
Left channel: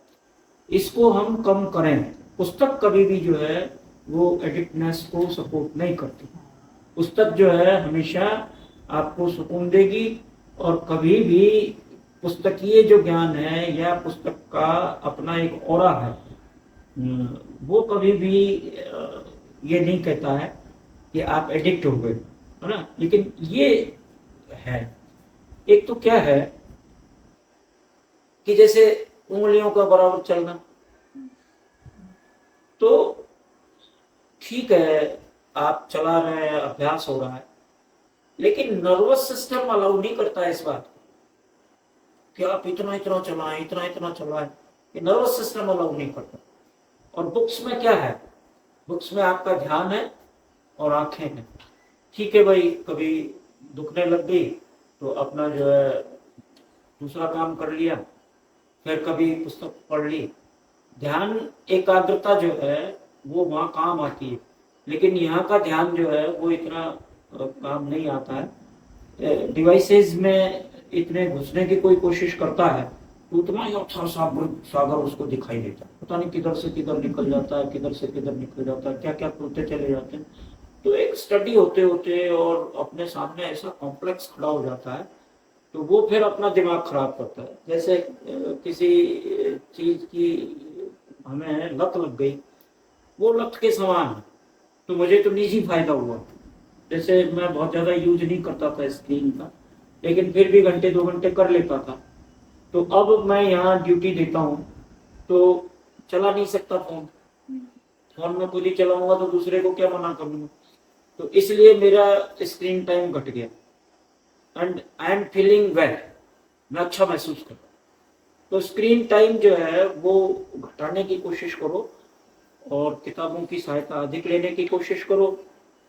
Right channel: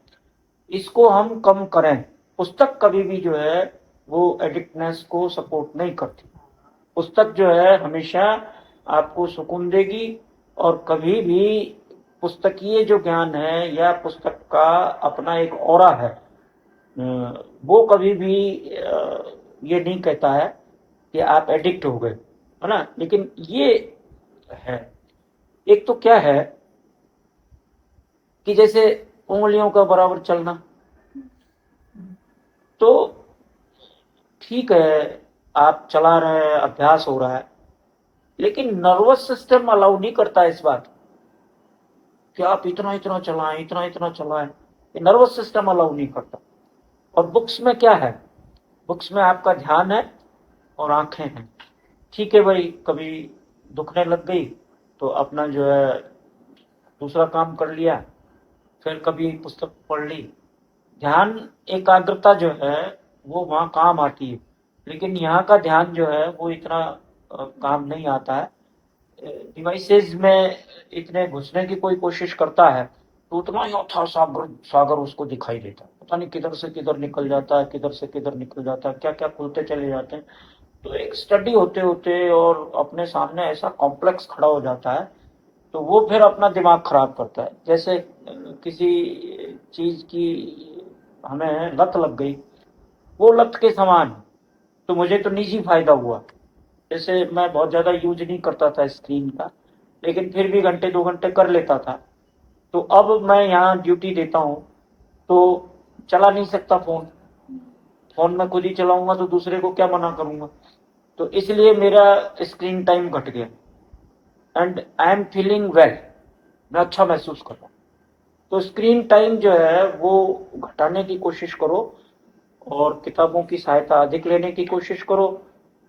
इसको हम कम करें। पुस्तक कभी भी जो है वो एडिक्टनेस को सपोर्ट नहीं करती। पुस्तक जो है हमेशा आपको सुकून देगी, और कभी भी पुस्तकीय जो ज्ञान है या पुस्तक का अपना एक ऑरा है, वो कभी भी ये नहीं कहता है कि आप एडिक्ट हो गए, है ना। लेकिन ये है, एक तो क्या है कि जैसे उंगलियों का बराबर चलना, तो ठीक है आप चला रहे हैं, अभ्यास हो रहा है, लेकिन नर्वस सिस्टम अलाउ नहीं करता इस बात को कि आप इतना इतना चलाएं, इतना इतना चलाएं। ये नर्वस सिस्टम अलाउ नहीं करता। और बुक्स में क्या है, बुक्स में आपका ध्यान है और आंखें हैं। ठीक है भाई, कभी दुखने लग गई तो अपना जो है दूसरा काम कर लिया, फिर कभी पुस्तक पढ़ ली। ध्यान एकाग्रता जो है वो वहाँ काम आती है, लेकिन यहाँ का ध्यान जो है वो इतना काम नहीं आता है। डिवाइसेस में इतने घुसने की कोई कोशिश करता है तो उतना ही अथाह सागर सागर उसको दिखाई देता है, पता नहीं किधर से किधर निकल जाता है, किधर से किधर निकल जाता है, क्या क्या खुलते चले जाते हैं। तो एक स्टडी होते होते और अपने सामने ऐसा कॉम्प्लेक्स खड़ा हो जाता है, तो वो फिर अपना दिमाग खराब करता है। जैसे किसी चीज की हमें लत लग गई, वो लत के समान है। तो मुझे तो निजी फायदा हुआ, जैसे मैं बहुत ज़्यादा यूज नहीं करता था स्क्रीन का, लेकिन फिर भी घंटे 2 घंटे कर लेता था। तो अब मैं यहाँ ड्यूटी देता हूँ तो चला नहीं सकता फोन, फोन में खुद ही चलाऊंगा तो दूसरे को क्या मना करूंगा। तो इसलिए मेरा स्क्रीन टाइम घट गया and I am feeling well, मैं अच्छा महसूस कर रहा हूँ। तो स्क्रीन टाइम जो है वो घटाने की कोशिश करो और किताबों की सहायता अधिक लेने की कोशिश करो।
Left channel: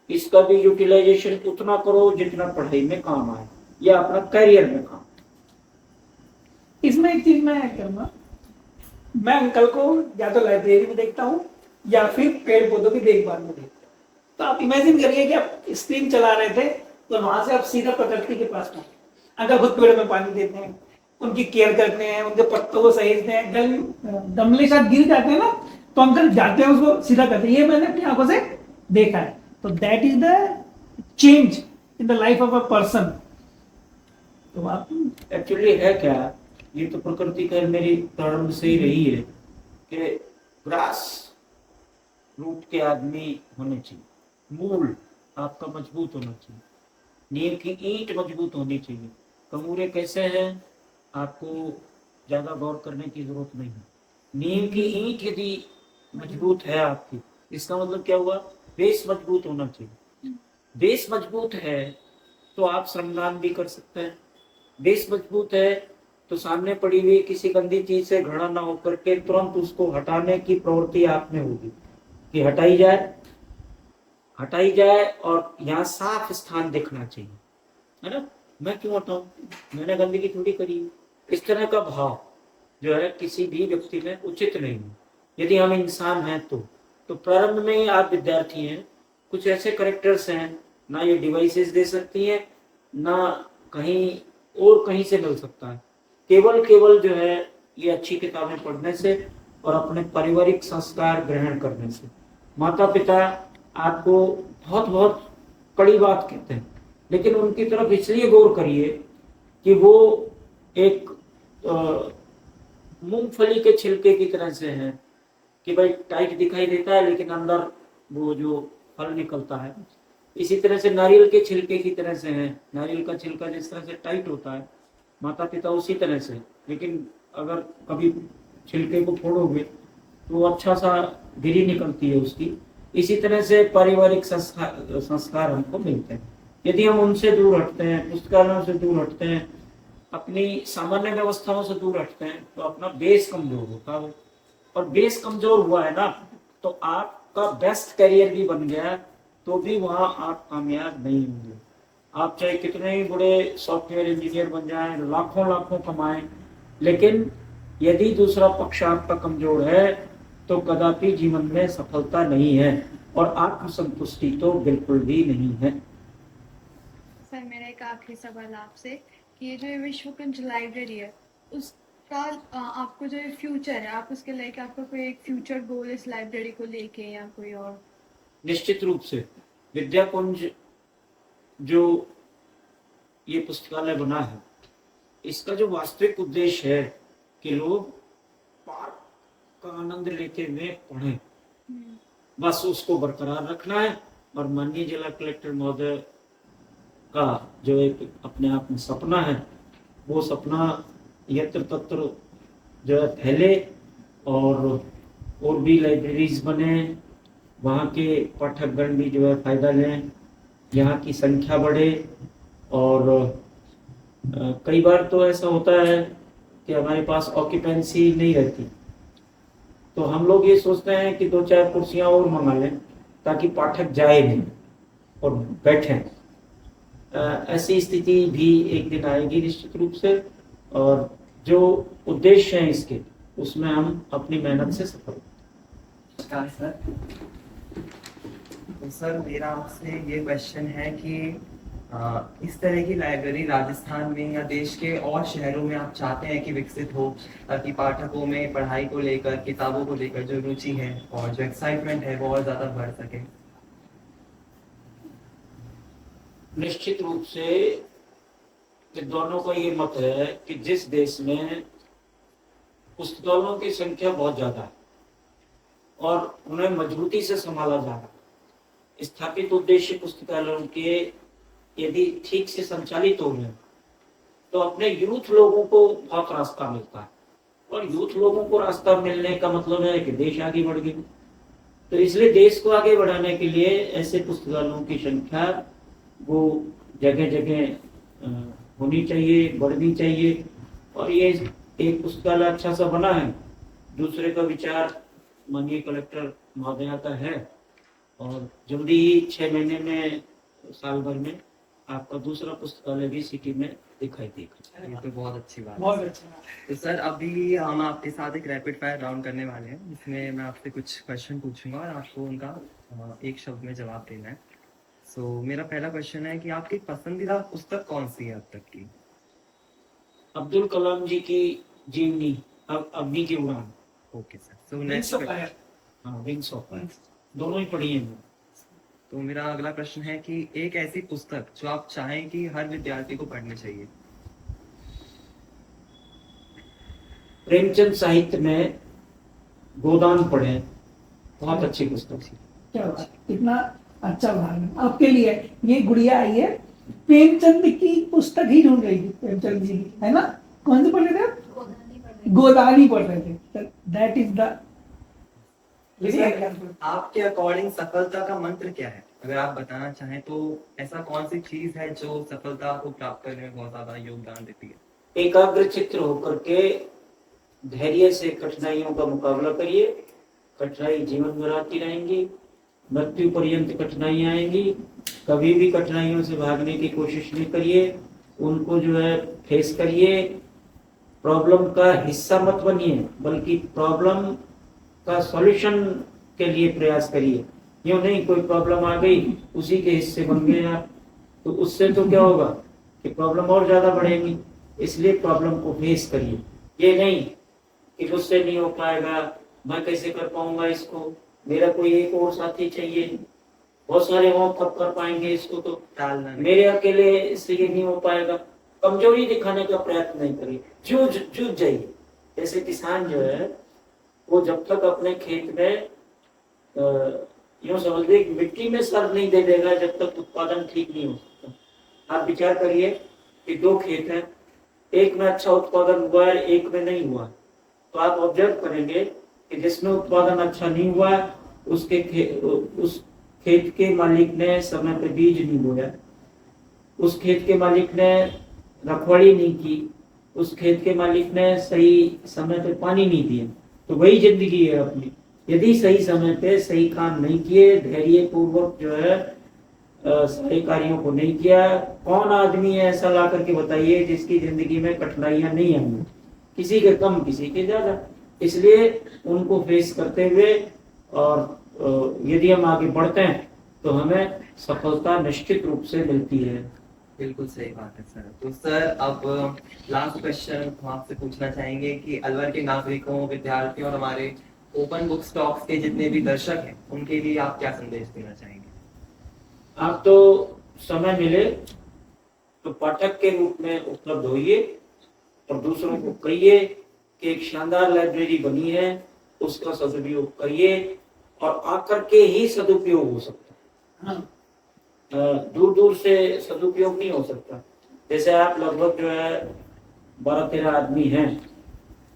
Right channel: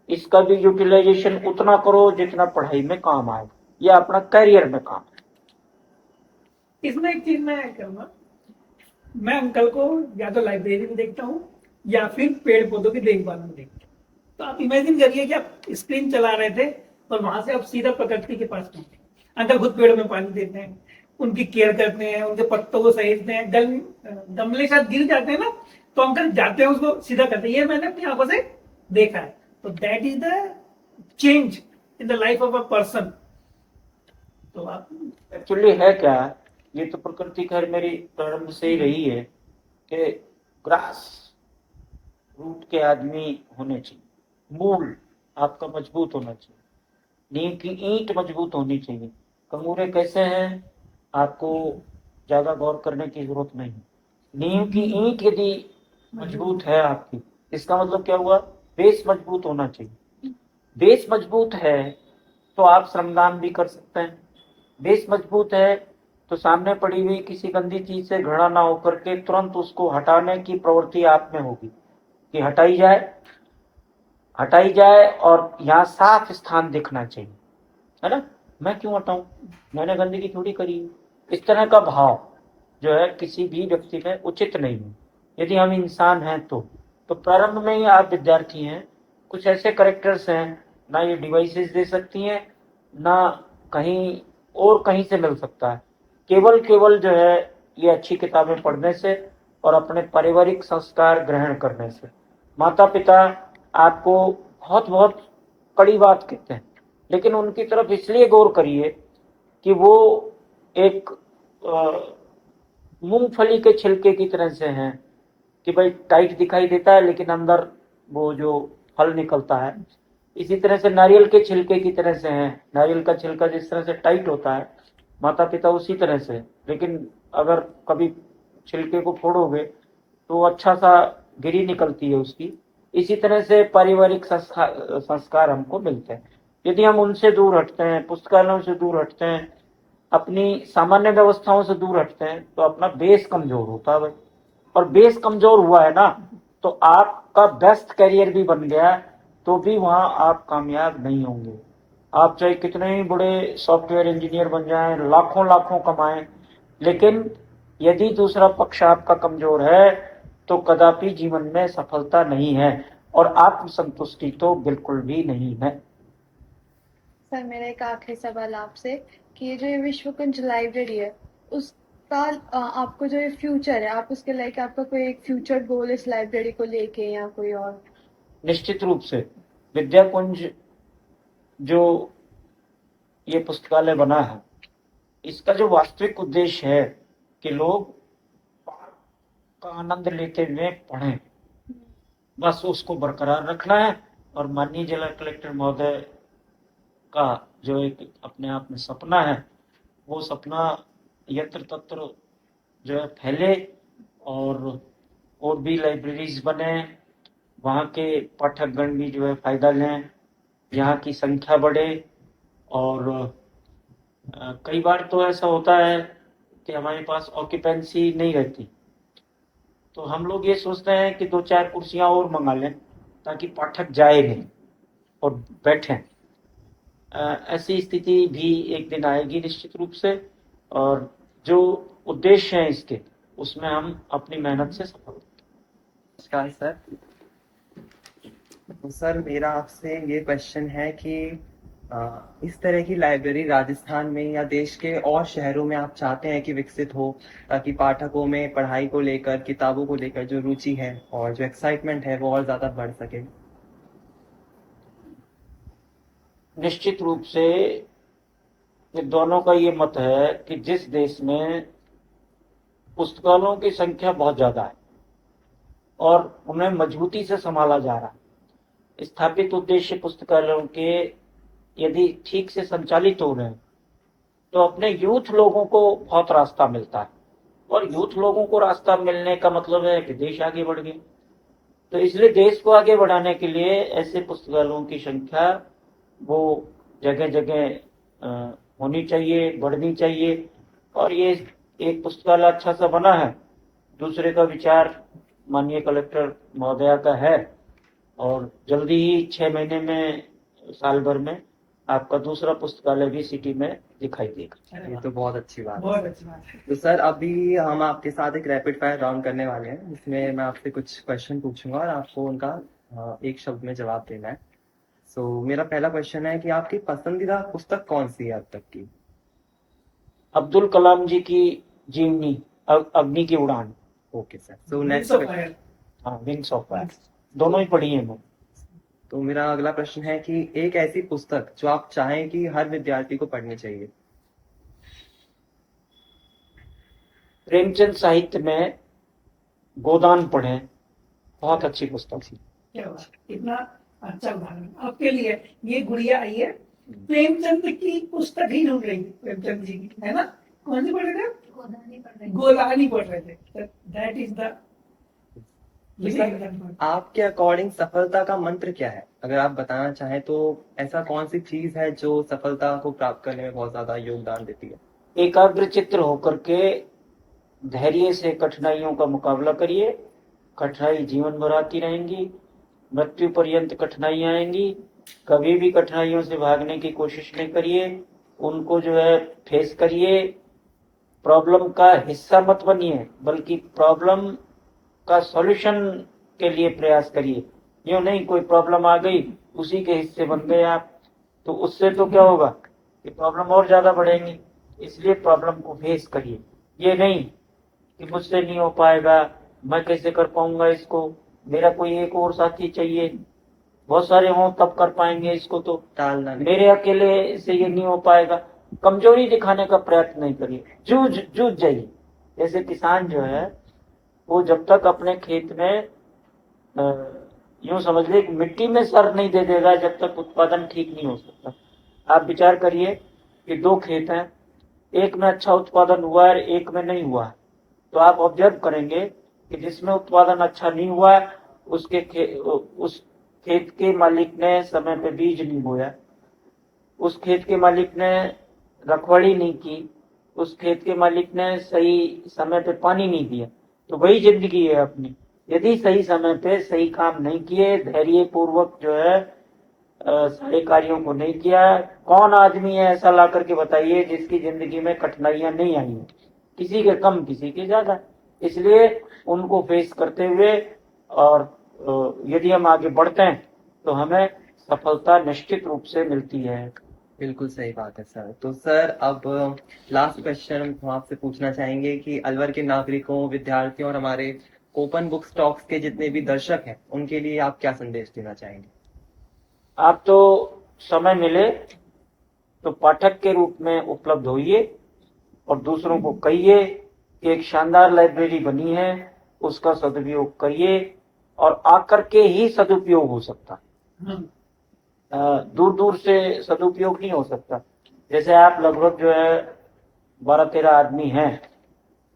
इसका भी यूटिलाइजेशन उतना करो जितना पढ़ाई में काम आए या अपना करियर में काम आए। इसमें एक चीज मैं ऐड करूंगा, मैं अंकल को या तो लाइब्रेरी में देखता हूँ या फिर पेड़ पौधों की देखभाल में देखता हूँ। तो आप इमेजिन करिए कि आप स्क्रीन चला रहे थे और वहां से आप सीधा प्रकृति के पास पहुंचे। अंकल खुद पेड़ों में पानी देते हैं, उनकी केयर करते हैं, उनके पत्तों को सहेजते हैं। गमले शायद गिर जाते हैं ना, तो अंकल जाते हैं उसको सीधा करते हैं। ये मैंने अपनी आंखों से देखा है। तो that is the change in the life of a person. तो आप एक्चुअली है क्या, ये तो प्रकृति का मेरी प्रारंभ से ही रही है कि ग्रास रूट के आदमी होने चाहिए, मूल आपका मजबूत होना चाहिए, नींव की ईंट मजबूत होनी चाहिए। कंगूरे कैसे हैं, आपको ज्यादा गौर करने की जरूरत नहीं। नींव की ईंट यदि मजबूत है आपकी, इसका मतलब क्या हुआ, बेस मजबूत होना चाहिए। बेस मजबूत है तो आप श्रमदान भी कर सकते हैं। बेस मजबूत है तो सामने पड़ी हुई किसी गंदी चीज से घृणा ना होकर के तुरंत उसको हटाने की प्रवृत्ति आप में होगी कि हटाई जाए और यहाँ साफ स्थान दिखना चाहिए, है ना। मैं क्यों हटाऊं, मैंने गंदगी थोड़ी करी। इस तरह का भाव जो है किसी भी व्यक्ति में उचित नहीं है यदि हम इंसान हैं तो प्रारंभ में ही आप विद्यार्थी हैं, कुछ ऐसे करेक्टर्स हैं ना ये डिवाइसेस दे सकती हैं ना कहीं और कहीं से मिल सकता है। केवल जो है ये अच्छी किताबें पढ़ने से और अपने पारिवारिक संस्कार ग्रहण करने से। माता पिता आपको बहुत बहुत कड़ी बात कहते हैं, लेकिन उनकी तरफ इसलिए गौर करिए कि वो एक मूंगफली के छिलके की तरह से हैं कि भाई टाइट दिखाई देता है लेकिन अंदर वो जो फल निकलता है, इसी तरह से नारियल के छिलके की तरह से हैं। नारियल का छिलका जिस तरह से टाइट होता है, माता पिता उसी तरह से, लेकिन अगर कभी छिलके को फोड़ोगे तो अच्छा सा गिरी निकलती है उसकी। इसी तरह से पारिवारिक संस्कार हमको मिलते हैं। यदि हम उनसे दूर हटते हैं, पुस्तकालयों से दूर हटते हैं, अपनी सामान्य व्यवस्थाओं से दूर हटते हैं, तो अपना बेस कमजोर होता है भाई। और बेस कमजोर हुआ है ना तो आपका बेस्ट करियर भी बन गया तो भी वहां आप कामयाब नहीं होंगे। आप चाहे कितने ही बड़े सॉफ्टवेयर इंजीनियर बन जाएं, लाखों लाखों कमाएं, लेकिन यदि दूसरा पक्ष आपका कमजोर है तो कदापि जीवन में सफलता नहीं है और आत्मसंतुष्टि तो बिल्कुल भी नहीं है। सर मेरा एक आखिरी सवाल आपसे कि ये जो ये विश्व कुंज लाइब्रेरी है, उस आपको जो ये फ्यूचर है, आप उसके लाइक आपका कोई एक फ्यूचर गोल इस लाइब्रेरी को लेके या कोई और? निश्चित रूप से विद्याकुंज जो ये पुस्तकालय बना है, इसका जो वास्तविक उद्देश्य है कि लोग पाठ का आनंद लेते हुए पढ़ें, बस उसको बरकरार रखना है। और माननीय जिला कलेक्टर महोदय का जो एक अपने आप में सपना है, वो सपना यत्र तत्र जो है फैले और भी लाइब्रेरीज बने, वहाँ के पाठकगण भी जो है फायदा लें, यहाँ की संख्या बढ़े। और कई बार तो ऐसा होता है कि हमारे पास ऑक्यूपेंसी नहीं रहती, तो हम लोग ये सोचते हैं कि 2-4 कुर्सियां और मंगा लें ताकि पाठक जाए नहीं और बैठें। ऐसी स्थिति भी एक दिन आएगी निश्चित रूप से, और जो उद्देश्य है इसके, उसमें हम अपनी मेहनत से सफल होंगे। नमस्कार सर। तो सर मेरा आपसे ये क्वेश्चन है कि इस तरह की लाइब्रेरी राजस्थान में या देश के और शहरों में आप चाहते हैं कि विकसित हो, ताकि पाठकों में पढ़ाई को लेकर, किताबों को लेकर जो रुचि है और जो एक्साइटमेंट है वो और ज़्यादा बढ़ सके? निश्चित रूप से दोनों का ये मत है कि जिस देश में पुस्तकालयों की संख्या बहुत ज़्यादा है और उन्हें मजबूती से संभाला जा रहा है, स्थापित उद्देश्य पुस्तकालयों के यदि ठीक से संचालित हो रहे हैं, तो अपने यूथ लोगों को बहुत रास्ता मिलता है। और यूथ लोगों को रास्ता मिलने का मतलब है कि देश आगे बढ़ गया। तो इसलिए देश को आगे बढ़ाने के लिए ऐसे पुस्तकालयों की संख्या वो जगह जगह होनी चाहिए, बढ़नी चाहिए। और ये एक पुस्तकालय अच्छा सा बना है, दूसरे का विचार माननीय कलेक्टर महोदया का है, और जल्दी ही 6 महीने में, साल भर में आपका दूसरा पुस्तकालय भी सिटी में दिखाई देगा। ये तो बहुत अच्छी बात बहुत है। अच्छी बात है। तो सर अभी हम आपके साथ एक रैपिड फायर राउंड करने वाले हैं, इसमें मैं आपसे कुछ क्वेश्चन पूछूंगा और आपको उनका एक शब्द में जवाब देना है। सो मेरा पहला क्वेश्चन है कि आपकी पसंदीदा पुस्तक कौन सी है अब तक की? अब्दुल कलाम जी की जीवनी, अग्नि की उड़ान। Okay sir. So Wings next, of Fire। हाँ, विंग्स ऑफ फायर, दोनों ही पढ़ी है मैं। तो मेरा अगला प्रश्न है कि एक ऐसी पुस्तक जो आप चाहें कि हर विद्यार्थी को पढ़नी चाहिए? प्रेमचंद साहित्य में गोदान पढ़ें, बहुत अच्छी पुस्तक। क्या बात, कितना अच्छा उदाहरण आपके लिए। ये गुड़िया आई है, प्रेमचंद की पुस्तक ही ढूंढ रही है, प्रेमचंद जी की, है ना? कौन सी पढ़ रहे थे आप? गोदानी पढ़ रहे थे। दैट इज द आपके अकॉर्डिंग सफलता का मंत्र क्या है? अगर आप बताना चाहें तो ऐसा कौन सी चीज है जो सफलता को प्राप्त करने में बहुत ज्यादा योगदान देती है? एकाग्र चित्त होकर के धैर्य से कठिनाइयों का मुकाबला करिए। कठिनाई जीवन भर आती रहेंगी, मृत्यु पर्यंत कठिनाइयां आएंगी। कभी भी कठिनाइयों से भागने की कोशिश नहीं करिए, उनको जो है फेस करिए। प्रॉब्लम का हिस्सा मत बनिए, बल्कि प्रॉब्लम का सॉल्यूशन के लिए प्रयास करिए। यूं नहीं कोई प्रॉब्लम आ गई, उसी के हिस्से बन गए आप, तो उससे तो क्या होगा कि प्रॉब्लम और ज्यादा बढ़ेगी। इसलिए प्रॉब्लम को फेस करिए। ये नहीं कि मुझसे नहीं हो पाएगा, मैं कैसे कर पाऊंगा इसको, मेरा कोई एक और साथी चाहिए, बहुत सारे हों तब कर पाएंगे इसको, तो टालना नहीं। मेरे अकेले से ये नहीं हो पाएगा। कमजोरी दिखाने का प्रयत्न नहीं करिए, जूझ जाइए। जैसे किसान जो है वो जब तक अपने खेत में यूं समझ लीजिए मिट्टी में सर नहीं दे देगा, जब तक उत्पादन ठीक नहीं हो सकता। आप विचार करिए कि 2 खेत हैं, एक में अच्छा उत्पादन हुआ है, एक में नहीं हुआ है, तो आप ऑब्जर्व करेंगे कि जिसमें उत्पादन अच्छा नहीं हुआ है उस खेत के मालिक ने समय पे बीज नहीं बोया, उस खेत के मालिक ने रखवाली नहीं की, उस खेत के मालिक ने सही समय पे पानी नहीं दिया। तो वही जिंदगी है अपनी। यदि सही समय पे सही काम नहीं किए, धैर्य पूर्वक जो है सारे कार्यों को नहीं किया, कौन आदमी है ऐसा ला करके बताइए जिसकी जिंदगी में कठिनाइयां नहीं आई? किसी के कम, किसी के ज्यादा। इसलिए उनको फेस करते हुए और यदि हम आगे बढ़ते हैं तो हमें सफलता निश्चित रूप से मिलती है। बिल्कुल सही बात है सर। तो सर अब लास्ट क्वेश्चन हम आपसे पूछना चाहेंगे कि अलवर के नागरिकों, विद्यार्थियों और हमारे ओपन बुक स्टॉक्स के जितने भी दर्शक हैं उनके लिए आप क्या संदेश देना चाहेंगे? आप तो समय मिले तो पाठक के रूप में उपलब्ध होइए और दूसरों को कहिए कि एक शानदार लाइब्रेरी बनी है, उसका सदुपयोग करिए और आकर के ही सदुपयोग हो सकता है। हाँ, दूर दूर से सदुपयोग नहीं हो सकता। जैसे आप लगभग जो है 12-13 आदमी हैं,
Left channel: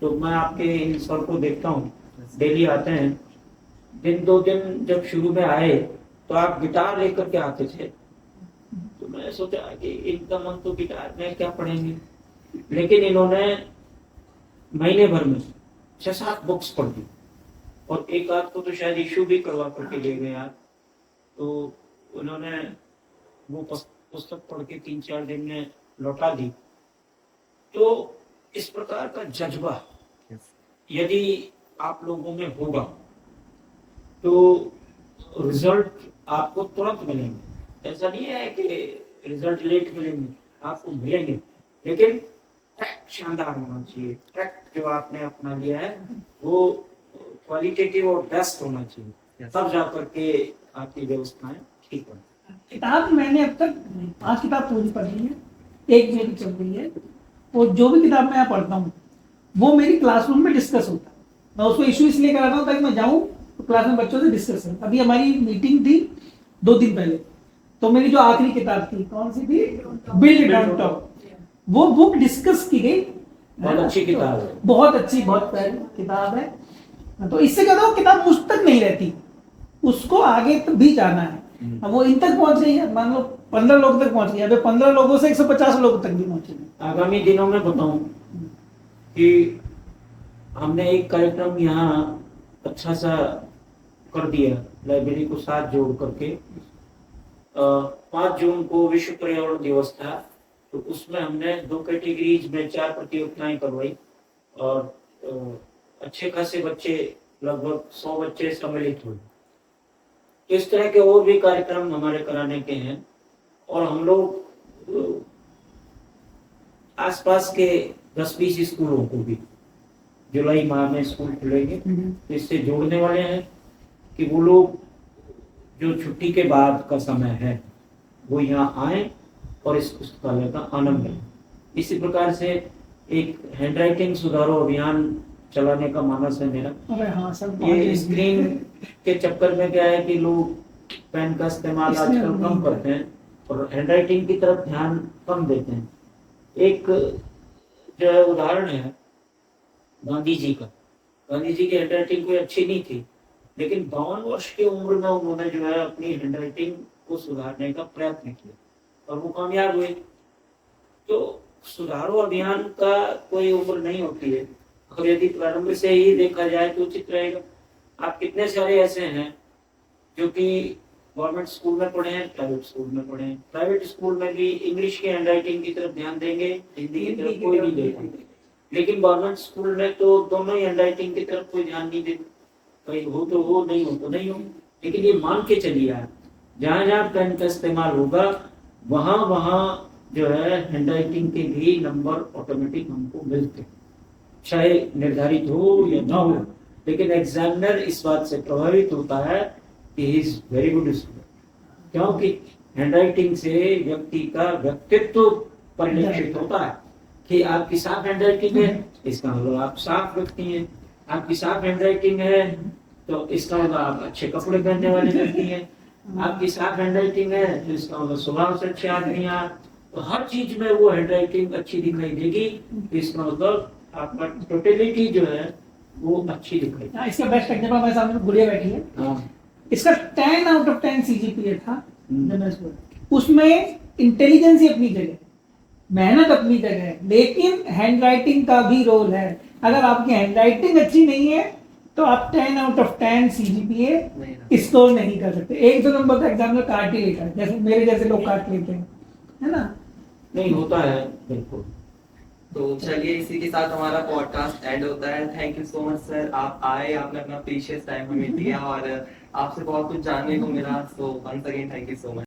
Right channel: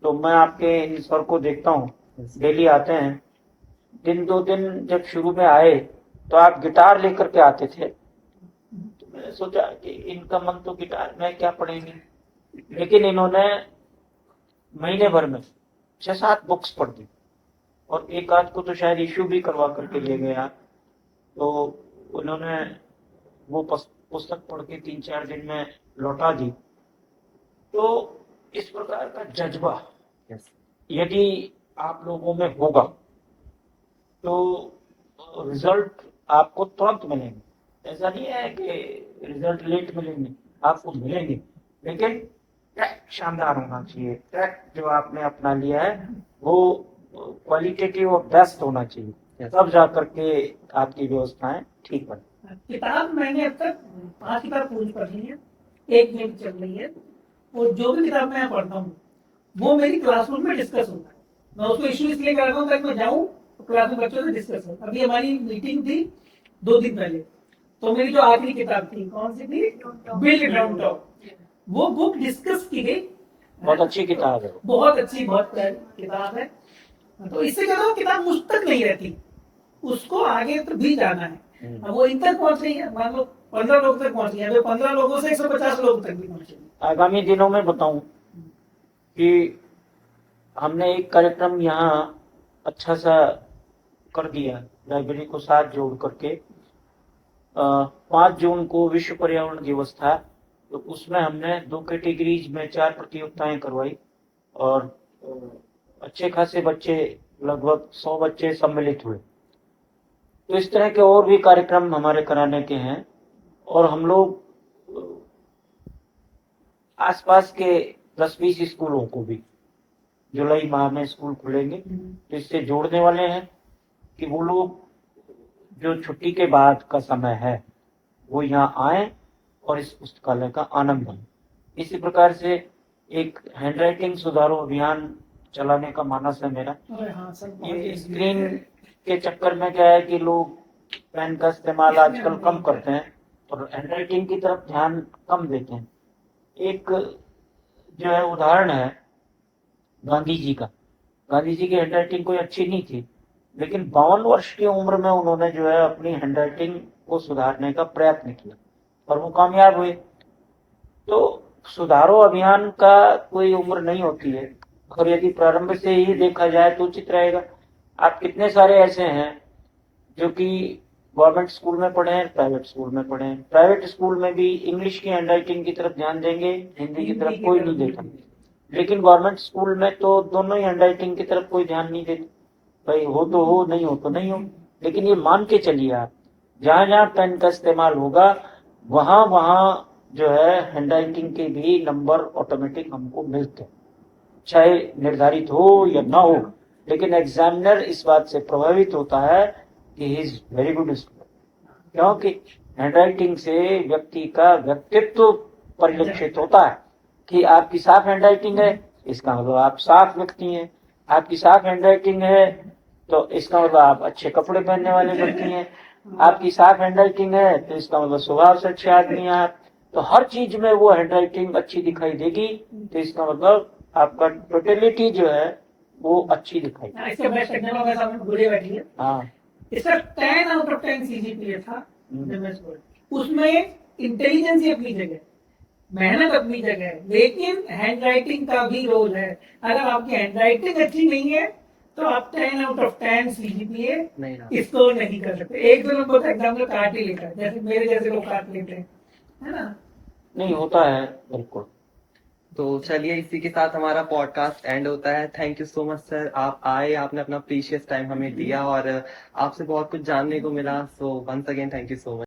तो मैं आपके इन सर को देखता हूँ, डेली आते हैं। दिन 2 दिन जब शुरू में आए तो आप गिटार लेकर के आते थे, तो मैंने सोचा कि इनका मन तो गिटार में क्या पढ़ेंगे, लेकिन इन्होंने महीने भर में 6-7 बुक्स पढ़ दी और एक आध को तो शायद इश्यू भी करवा करके ले गए आप। तो उन्होंने वो पुस्तक पढ़ के 3-4 दिन में लौटा दी। तो इस प्रकार का जज्बा यदि आप लोगों में होगा तो रिजल्ट आपको तुरंत मिलेंगे। ऐसा नहीं है कि रिजल्ट लेट मिलेंगे, आपको मिलेंगे, लेकिन ट्रैक शानदार होना चाहिए। ट्रैक जो आपने अपना लिया है वो क्वालिटेटिव और बेस्ट होना चाहिए, तब जा करके आपकी व्यवस्थाएं ठीक बने। किताब मैंने अब तक 5 किताब पूरी पढ़ी है, एक मेरी चल रही है। और जो भी किताब मैं पढ़ता हूँ वो मेरी क्लासरूम में डिस्कस होता है। मैं उसको इशू इसलिए कराता हूँ ताकि मैं जाऊँ तो क्लास में बच्चों से डिस्कस करूँ। अभी हमारी मीटिंग थी 2 दिन पहले, तो मेरी जो आखिरी किताब थी, कौन सी थी, बिल्ड डाउनटाउन, वो बुक डिस्कस की गई। बहुत अच्छी किताब है, बहुत अच्छी, बहुत प्यारी किताब है। तो इससे क्या होता है, किताब मुझ तक नहीं रहती, उसको आगे तो भी जाना है। अब वो इन तक पहुंच रही है, मान लो 15 लोग तक पहुंच गई, अभी 15 लोगों से 150 लोगों तक भी पहुंचेगी। आगामी दिनों में बताऊं कि हमने एक कार्यक्रम यहाँ अच्छा सा कर दिया, लाइब्रेरी को साथ जोड़ करके। 5 जून को विश्व पर्यावरण दिवस था, तो उसमें हमने 2 कैटेगरीज में 4 प्रतियोगिताएं करवाई और अच्छे खासे बच्चे, लगभग 100 बच्चे सम्मिलित हुए। तो इस तरह के और भी कार्यक्रम हमारे कराने के हैं और हम लोग आसपास के 10-20 स्कूलों को भी जुलाई माह में स्कूल खुलेंगे, इससे जोड़ने वाले हैं कि वो लोग जो छुट्टी के बाद का समय है वो यहाँ आए और इस पुस्तकालय का आनंद लें। इसी प्रकार से एक हैंडराइटिंग सुधारो अभियान चलाने का मानस है मेरा। हाँ सर, ये स्क्रीन के चक्कर में क्या है कि लोग पेन का इस्तेमाल आजकल कम करते हैं और हैंडराइटिंग की तरफ ध्यान कम देते हैं। एक जो है उदाहरण है गांधी जी का। गांधी जी की हैंडराइटिंग कोई अच्छी नहीं थी, लेकिन 52 वर्ष की उम्र में उन्होंने जो है अपनी हैंडराइटिंग को सुधारने का प्रयत्न किया और वो कामयाब हुए। तो सुधारो अभियान का कोई उम्र नहीं होती है, और यदि प्रारंभ से ही देखा जाए तो उचित रहेगा। आप कितने सारे ऐसे हैं जो कि गवर्नमेंट स्कूल में पढ़े हैं, प्राइवेट स्कूल में पढ़े हैं। प्राइवेट स्कूल में भी इंग्लिश की हैंडराइटिंग की तरफ ध्यान देंगे, हिंदी की तरफ कोई नहीं देता। लेकिन गवर्नमेंट स्कूल में तो दोनों ही हैंडराइटिंग की तरफ कोई ध्यान नहीं देता। भाई हो तो हो, नहीं हो तो नहीं हो। लेकिन ये मान के चलिए आप, जहाँ जहाँ पेन का इस्तेमाल होगा वहाँ वहाँ जो है हैंडराइटिंग के भी नंबर ऑटोमेटिक हमको मिलते हैं, चाहे निर्धारित हो या ना हो। लेकिन एग्जामिनर इस बात से प्रभावित होता है कि he is very good student, क्योंकि हैंडराइटिंग से व्यक्ति का व्यक्तित्व परिलक्षित होता है कि आपकी साफ हैंडराइटिंग है, इसका मतलब आप साफ व्यक्ति हैं। आपकी साफ हैंडराइटिंग है तो इसका मतलब आप अच्छे कपड़े पहनने वाले व्यक्ति हैं। आपकी साफ हैंडराइटिंग है तो इसका मतलब स्वभाव से अच्छे आदमी हैं आप। तो हर चीज में वो हैंडराइटिंग अच्छी दिखाई देगी, तो इसका मतलब आपका टोटलिटी जो है वो अच्छी दिखाई देगी। इसके बेस्ट एग्जांपल मेरे सामने गुड़िया बैठी है। हाँ, इसका 10 आउट ऑफ 10 सीजीपीए था जब मैं स्कूल। उसमें इंटेलिजेंस ही अपनी जगह, मेहनत अपनी जगह है, लेकिन हैंडराइटिंग का भी रोल है। अगर आपकी हैंडराइटिंग अच्छी नहीं है तो आप 10 आउट ऑफ 10 सीजीपीए स्कोर नहीं कर सकते। 1-2 नंबर का एग्जाम में काट ही लेता है, जैसे मेरे जैसे लोग काट लेते हैं, है ना? नहीं होता है, बिल्कुल। तो चलिए इसी के साथ हमारा पॉडकास्ट एंड होता है। Thank you so much sir, आप आए, आपने अपना प्रीशियस टाइम हमें दिया और आपसे बहुत कुछ जानने को मिला। So once again thank you so much.